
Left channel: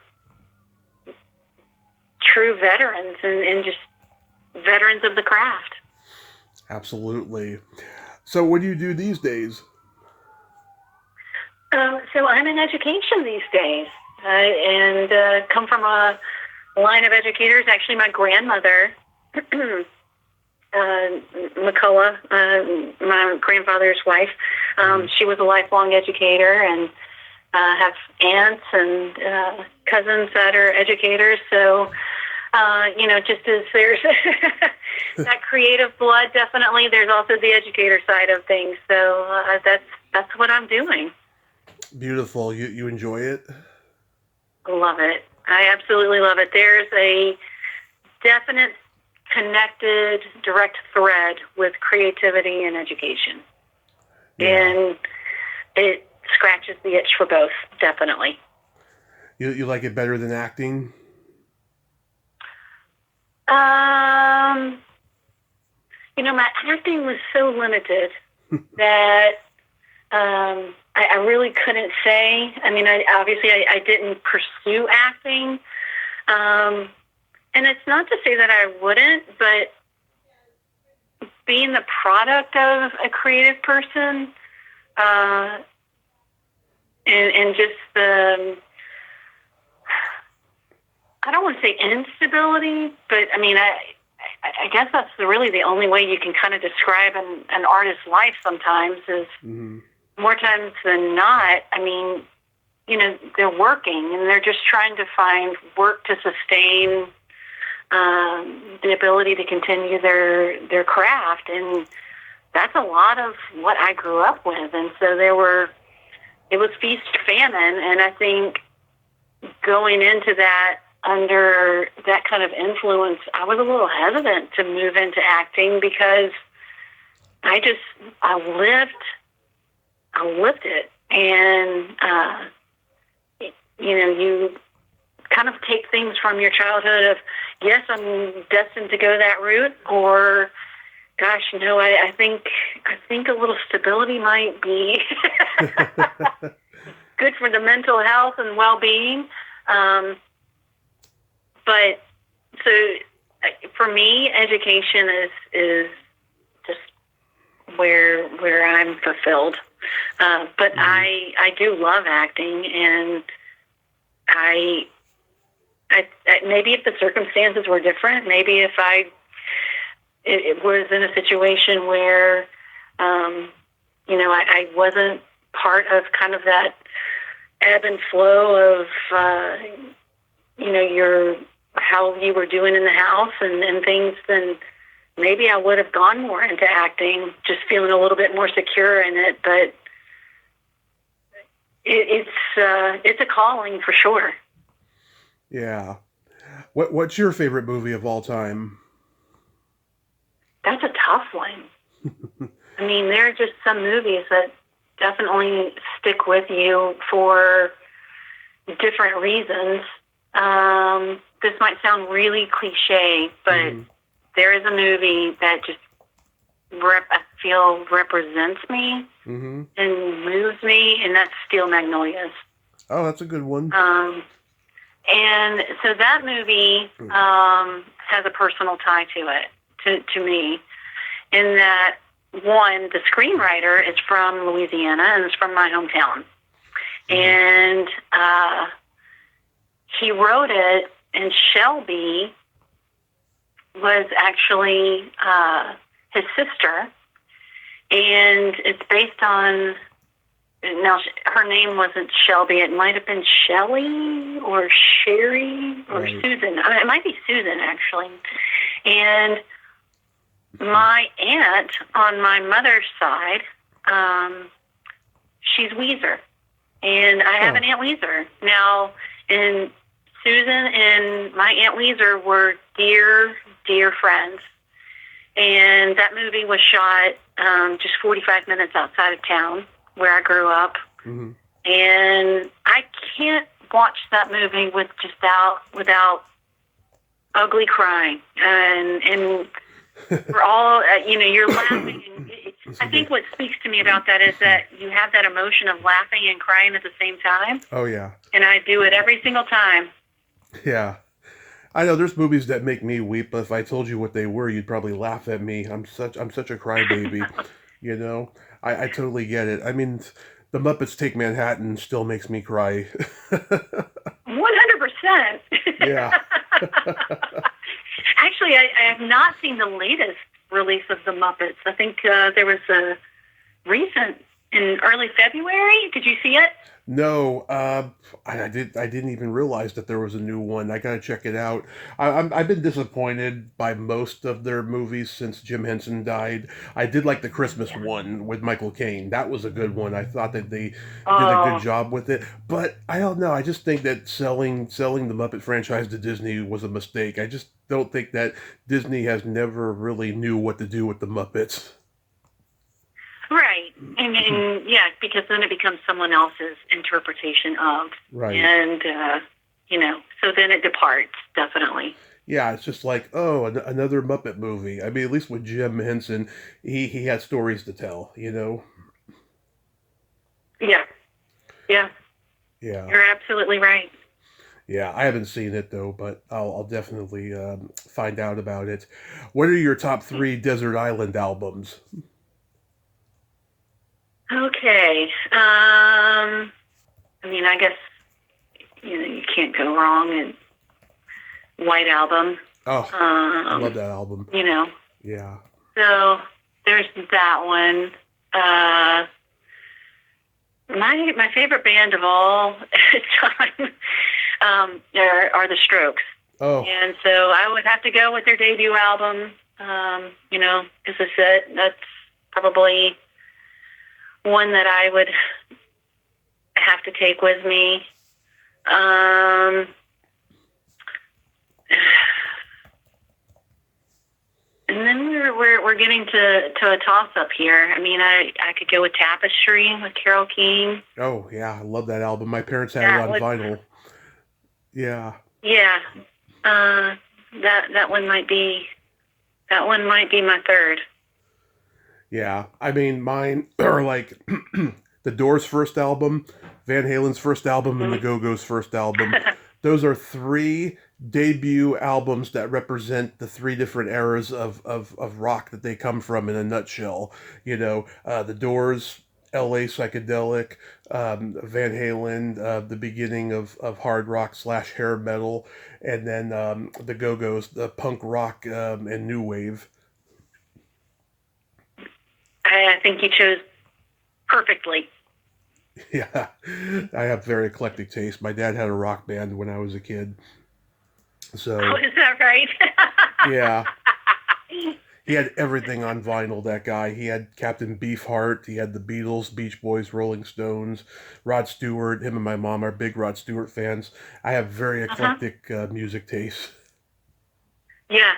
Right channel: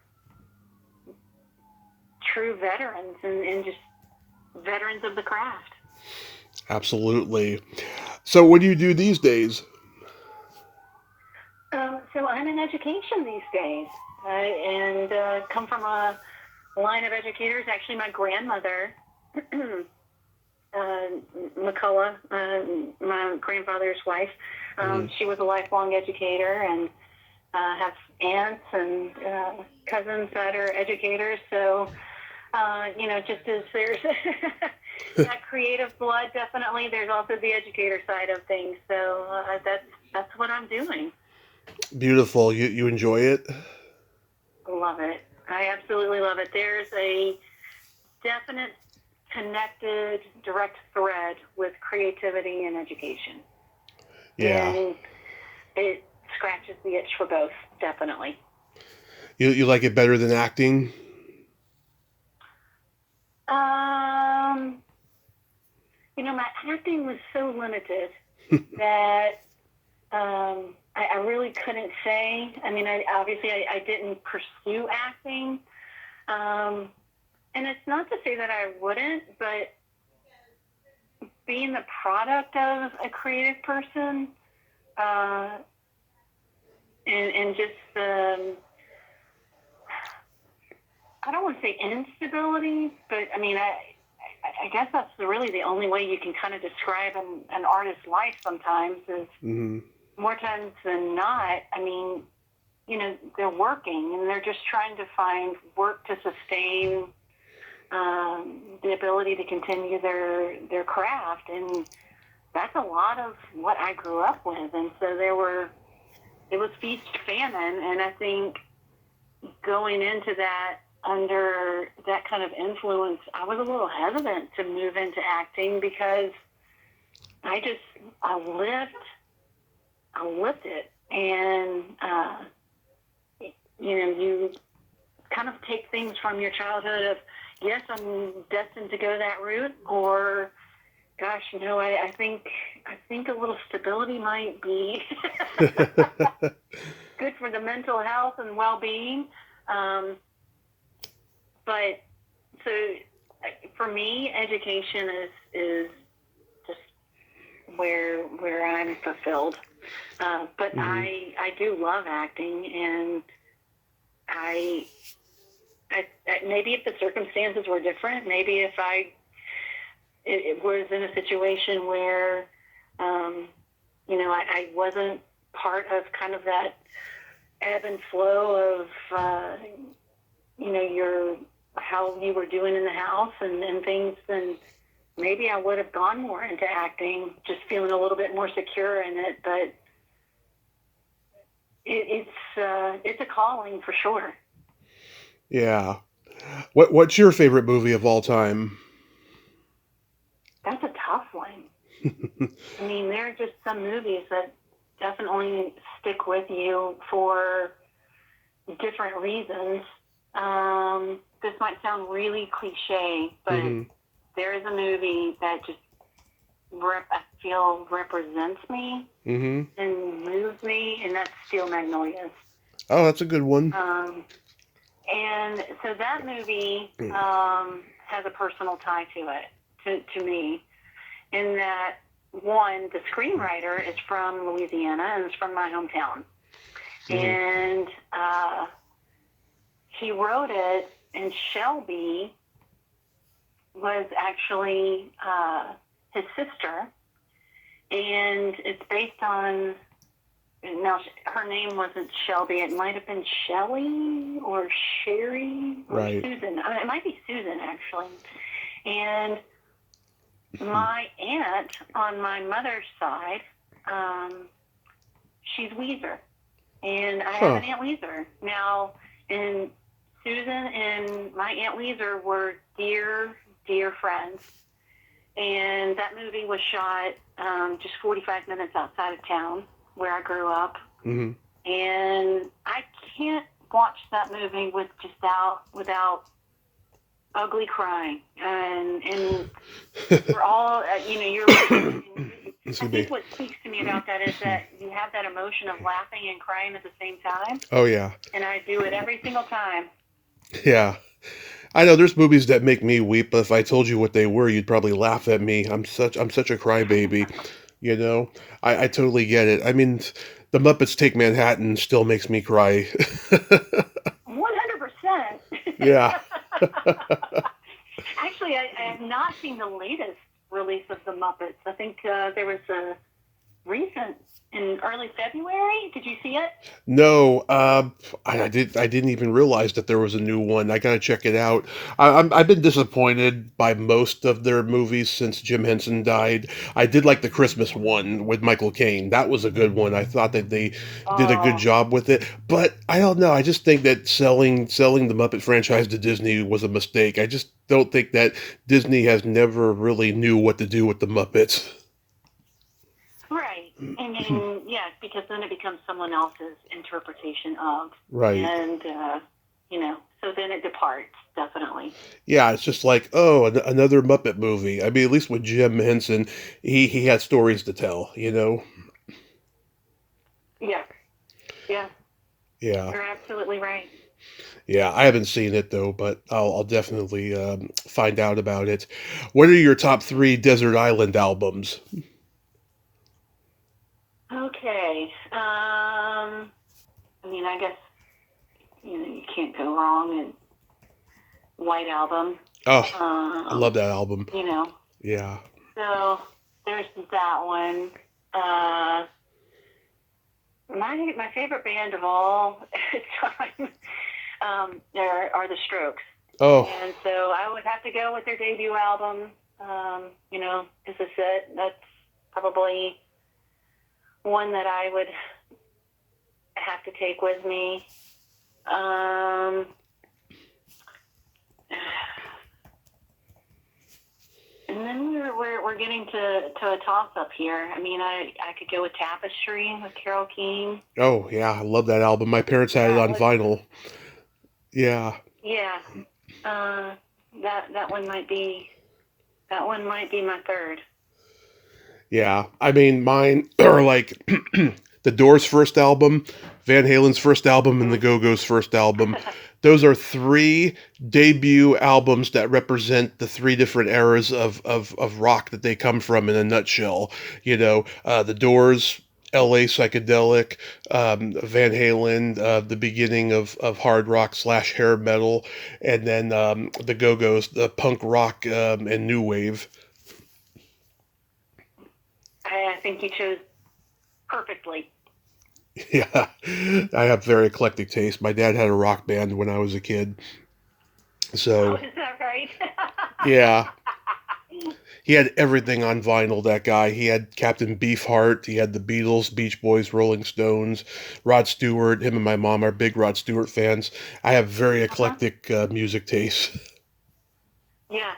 true veterans and just veterans of the craft. Absolutely. So what do you do these days? So I'm in education these days, and come from a line of educators. Actually, my grandmother, McCullough, my grandfather's wife, she was a lifelong educator, and have aunts and cousins that are educators. So, just as there's that creative blood, definitely, there's also the educator side of things. So that's that's what I'm doing. Beautiful. You enjoy it? Love it. I absolutely love it. There's a definite connected direct thread with creativity and education. Yeah. And it scratches the itch for both, definitely. You like it better than acting? My acting was so limited that I really couldn't say. I mean, I didn't pursue acting. And it's not to say that I wouldn't, but being the product of a creative person, and just the, I don't want to say instability, but I mean, I guess that's really the only way you can kind of describe an artist's life sometimes is more times than not. I mean, they're working and they're just trying to find work to sustain the ability to continue their craft. And that's a lot of what I grew up with. And so it was feast or famine. And I think going into that, under that kind of influence, I was a little hesitant to move into acting because I lived it. And, you kind of take things from your childhood of, yes, I'm destined to go that route, or, gosh, no, I think a little stability might be good for the mental health and well-being. But so for me, education is just where I'm fulfilled. But I do love acting, and I maybe if the circumstances were different, maybe if it was in a situation where, I wasn't part of kind of that ebb and flow of, how you were doing in the house and things, then maybe I would have gone more into acting, just feeling a little bit more secure in it. But it's a calling for sure. Yeah. What's your favorite movie of all time? That's a tough one. I mean, there are just some movies that definitely stick with you for different reasons. This might sound really cliche, but there is a movie that just I feel represents me and moves me, and that's Steel Magnolias. Oh, that's a good one. And so that movie has a personal tie to it, to me, in that, one, the screenwriter is from Louisiana and is from my hometown. And he wrote it, and Shelby was actually his sister, and it's based on, now her name wasn't Shelby, it might have been Shelley or Sherry or Susan. I mean, it might be Susan, actually. And my aunt on my mother's side, she's Weezer, and I have an Aunt Weezer. Now, and Susan and my Aunt Weezer were dear, dear friends. And that movie was shot just 45 minutes outside of town where I grew up. And I can't watch that movie without ugly crying. And we're all, you're laughing. I think what speaks to me about that is that you have that emotion of laughing and crying at the same time. Oh, yeah. And I do it every single time. Yeah. I know there's movies that make me weep, but if I told you what they were, you'd probably laugh at me. I'm such a crybaby, I totally get it. I mean, The Muppets Take Manhattan still makes me cry. 100%. Yeah. Actually, I have not seen the latest release of The Muppets. I think there was a recent in early February. Did you see it? No, I didn't even realize that there was a new one. I gotta check it out. I've been disappointed by most of their movies since Jim Henson died. I did like the Christmas one with Michael Caine. That was a good one. I thought that they did a good Oh, job with it. But I don't know. I just think that selling the Muppet franchise to Disney was a mistake. I just don't think that Disney has never really knew what to do with the Muppets. right. And yeah, because then it becomes someone else's interpretation of, Right. and so then it departs definitely. Yeah, it's just like, oh, another Muppet movie. I mean, at least with Jim Henson, he had stories to tell, you know? Yeah, yeah, Yeah. you're absolutely right. Yeah, I haven't seen it though, but I'll definitely find out about it. What are your top three Desert Island albums? Okay. I mean, I guess you can't go wrong in White Album. Oh, I love Um, that album. you know, Yeah. so there's that one. Uh, my favorite band of all time are the Strokes, Oh, and so I would have to go with their debut album. As I said, that's probably one that I would have to take with me. Um, and then we're getting to a toss up here. I mean, I could go with Tapestry with Carole King. oh, yeah, I love that album. My parents had it That on would, vinyl. Yeah. yeah. Uh, that one might be my third. Yeah. I mean, mine are like the Doors' first album, Van Halen's first album, and the Go-Go's first album. Those are three debut albums that represent the three different eras of rock that they come from in a nutshell. The Doors, LA psychedelic, Van Halen, the beginning of hard rock slash hair metal, and then the Go-Go's, the punk rock and new wave. I think you chose perfectly. Yeah, I have very eclectic taste. My dad had a rock band when I was a kid. Oh, So, is that right? yeah, he had everything on vinyl, that guy. He had Captain Beefheart, he had the Beatles, Beach Boys, Rolling Stones, Rod Stewart. Him and my mom are big Rod Stewart fans. I have very Uh-huh. eclectic music taste. Yeah,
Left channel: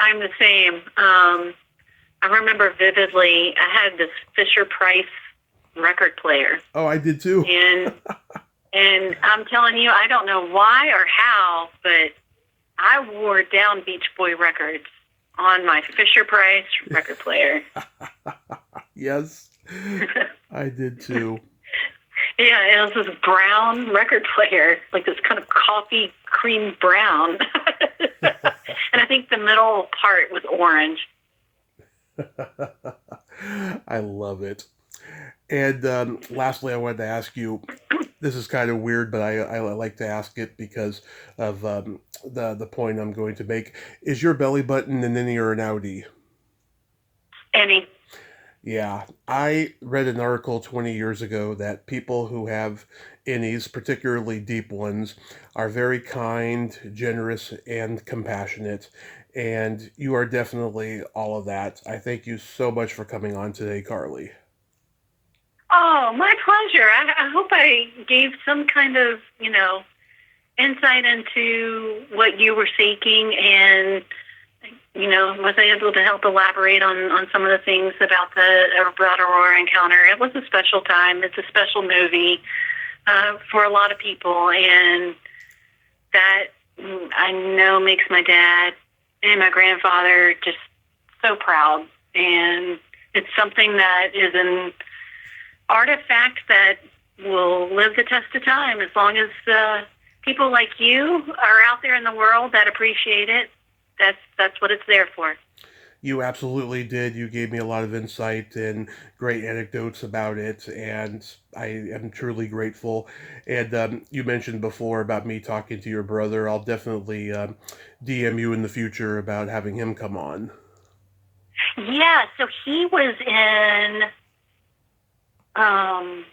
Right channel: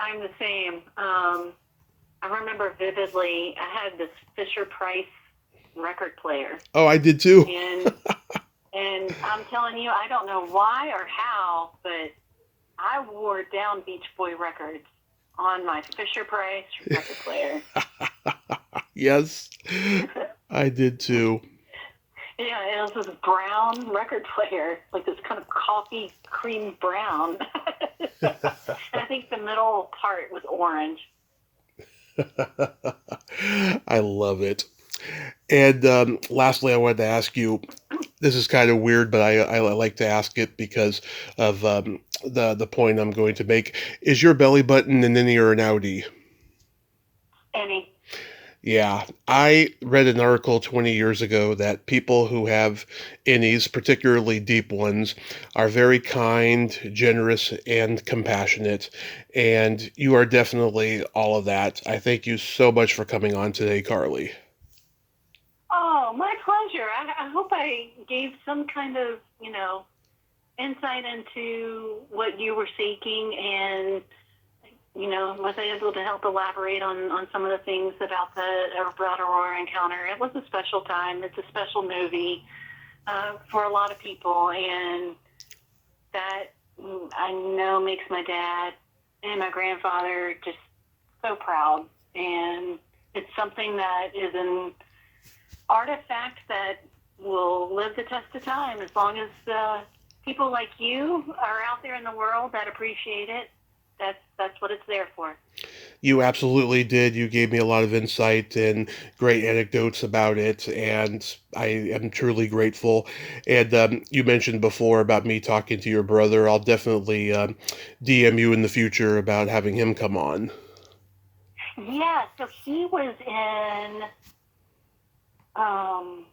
I'm the same. I remember vividly. I had this Fisher Price record player, Oh, I did too. and I'm telling you, I don't know why or how, but I wore down Beach Boy records on my Fisher Price record player. Yes, I did too. Yeah, it was this brown record player, like this kind of coffee cream brown. And I think the middle part was orange. I love it. And lastly, I wanted to ask you, this is kind of weird, but I like to ask it because of the point I'm going to make. Is your belly button an innie or an outie? Any. Yeah, I read an article 20 years ago that people who have innies, particularly deep ones, are very kind, generous, and compassionate. And you are definitely all of that. I thank you so much for coming on today, Carly. Oh, my pleasure. I hope I gave some kind of, insight into what you were seeking and, was able to help elaborate on some of the things about Aurora Encounter. It was a special time. It's a special movie for a lot of people, and that I know makes my dad and my grandfather just so proud. And it's something that is an artifact that will live the test of time as long as people like you are out there in the world that appreciate it. That's what it's there for. You absolutely did. You gave me a lot of insight and great anecdotes about it, and I am truly grateful. And you mentioned before about me talking to your brother. I'll definitely DM you in the future about having him come on. Yeah, so he was in Vamp,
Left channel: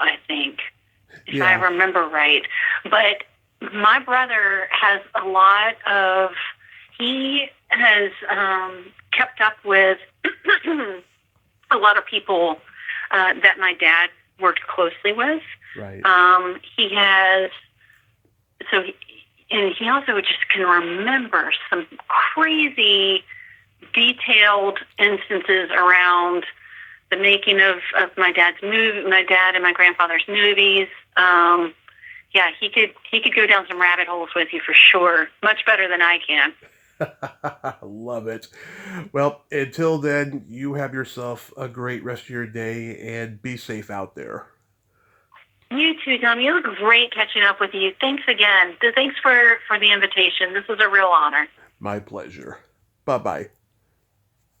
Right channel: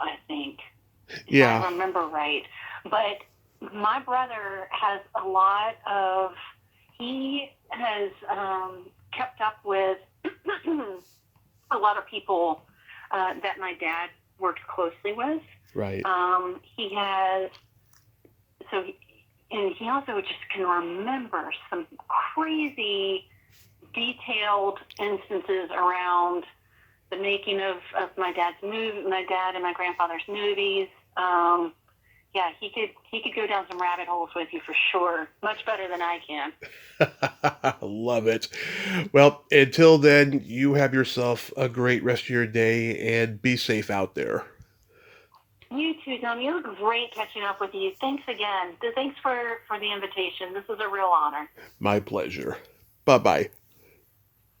I think, if Yeah. I remember right. But my brother has he has kept up with a lot of people that my dad worked closely with. Right. And he also just can remember some crazy detailed instances around the making of my dad and my grandfather's movies. He could go down some rabbit holes with you for sure, much better than I can. Love it. Well, until then, you have yourself a great rest of your day and be safe out there. You too, Tom. You look great catching up with you. Thanks again. Thanks for the invitation. This was a real honor. My pleasure. Bye-bye.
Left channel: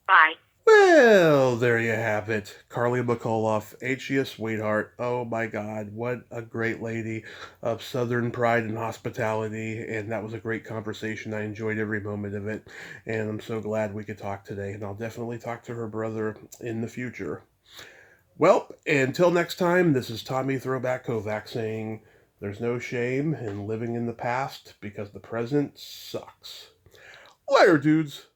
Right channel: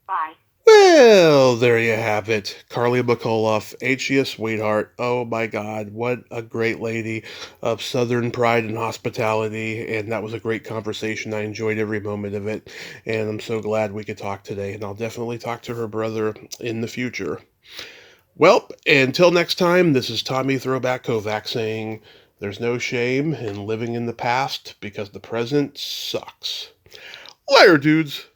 Bye. Well, there you have it. Carly McCullough, ain't she a sweetheart? Oh my God, what a great lady of Southern pride and hospitality. And that was a great conversation. I enjoyed every moment of it. And I'm so glad we could talk today. And I'll definitely talk to her brother in the future. Well, until next time, this is Tommy Throwback Kovac saying there's no shame in living in the past because the present sucks. Later, dudes.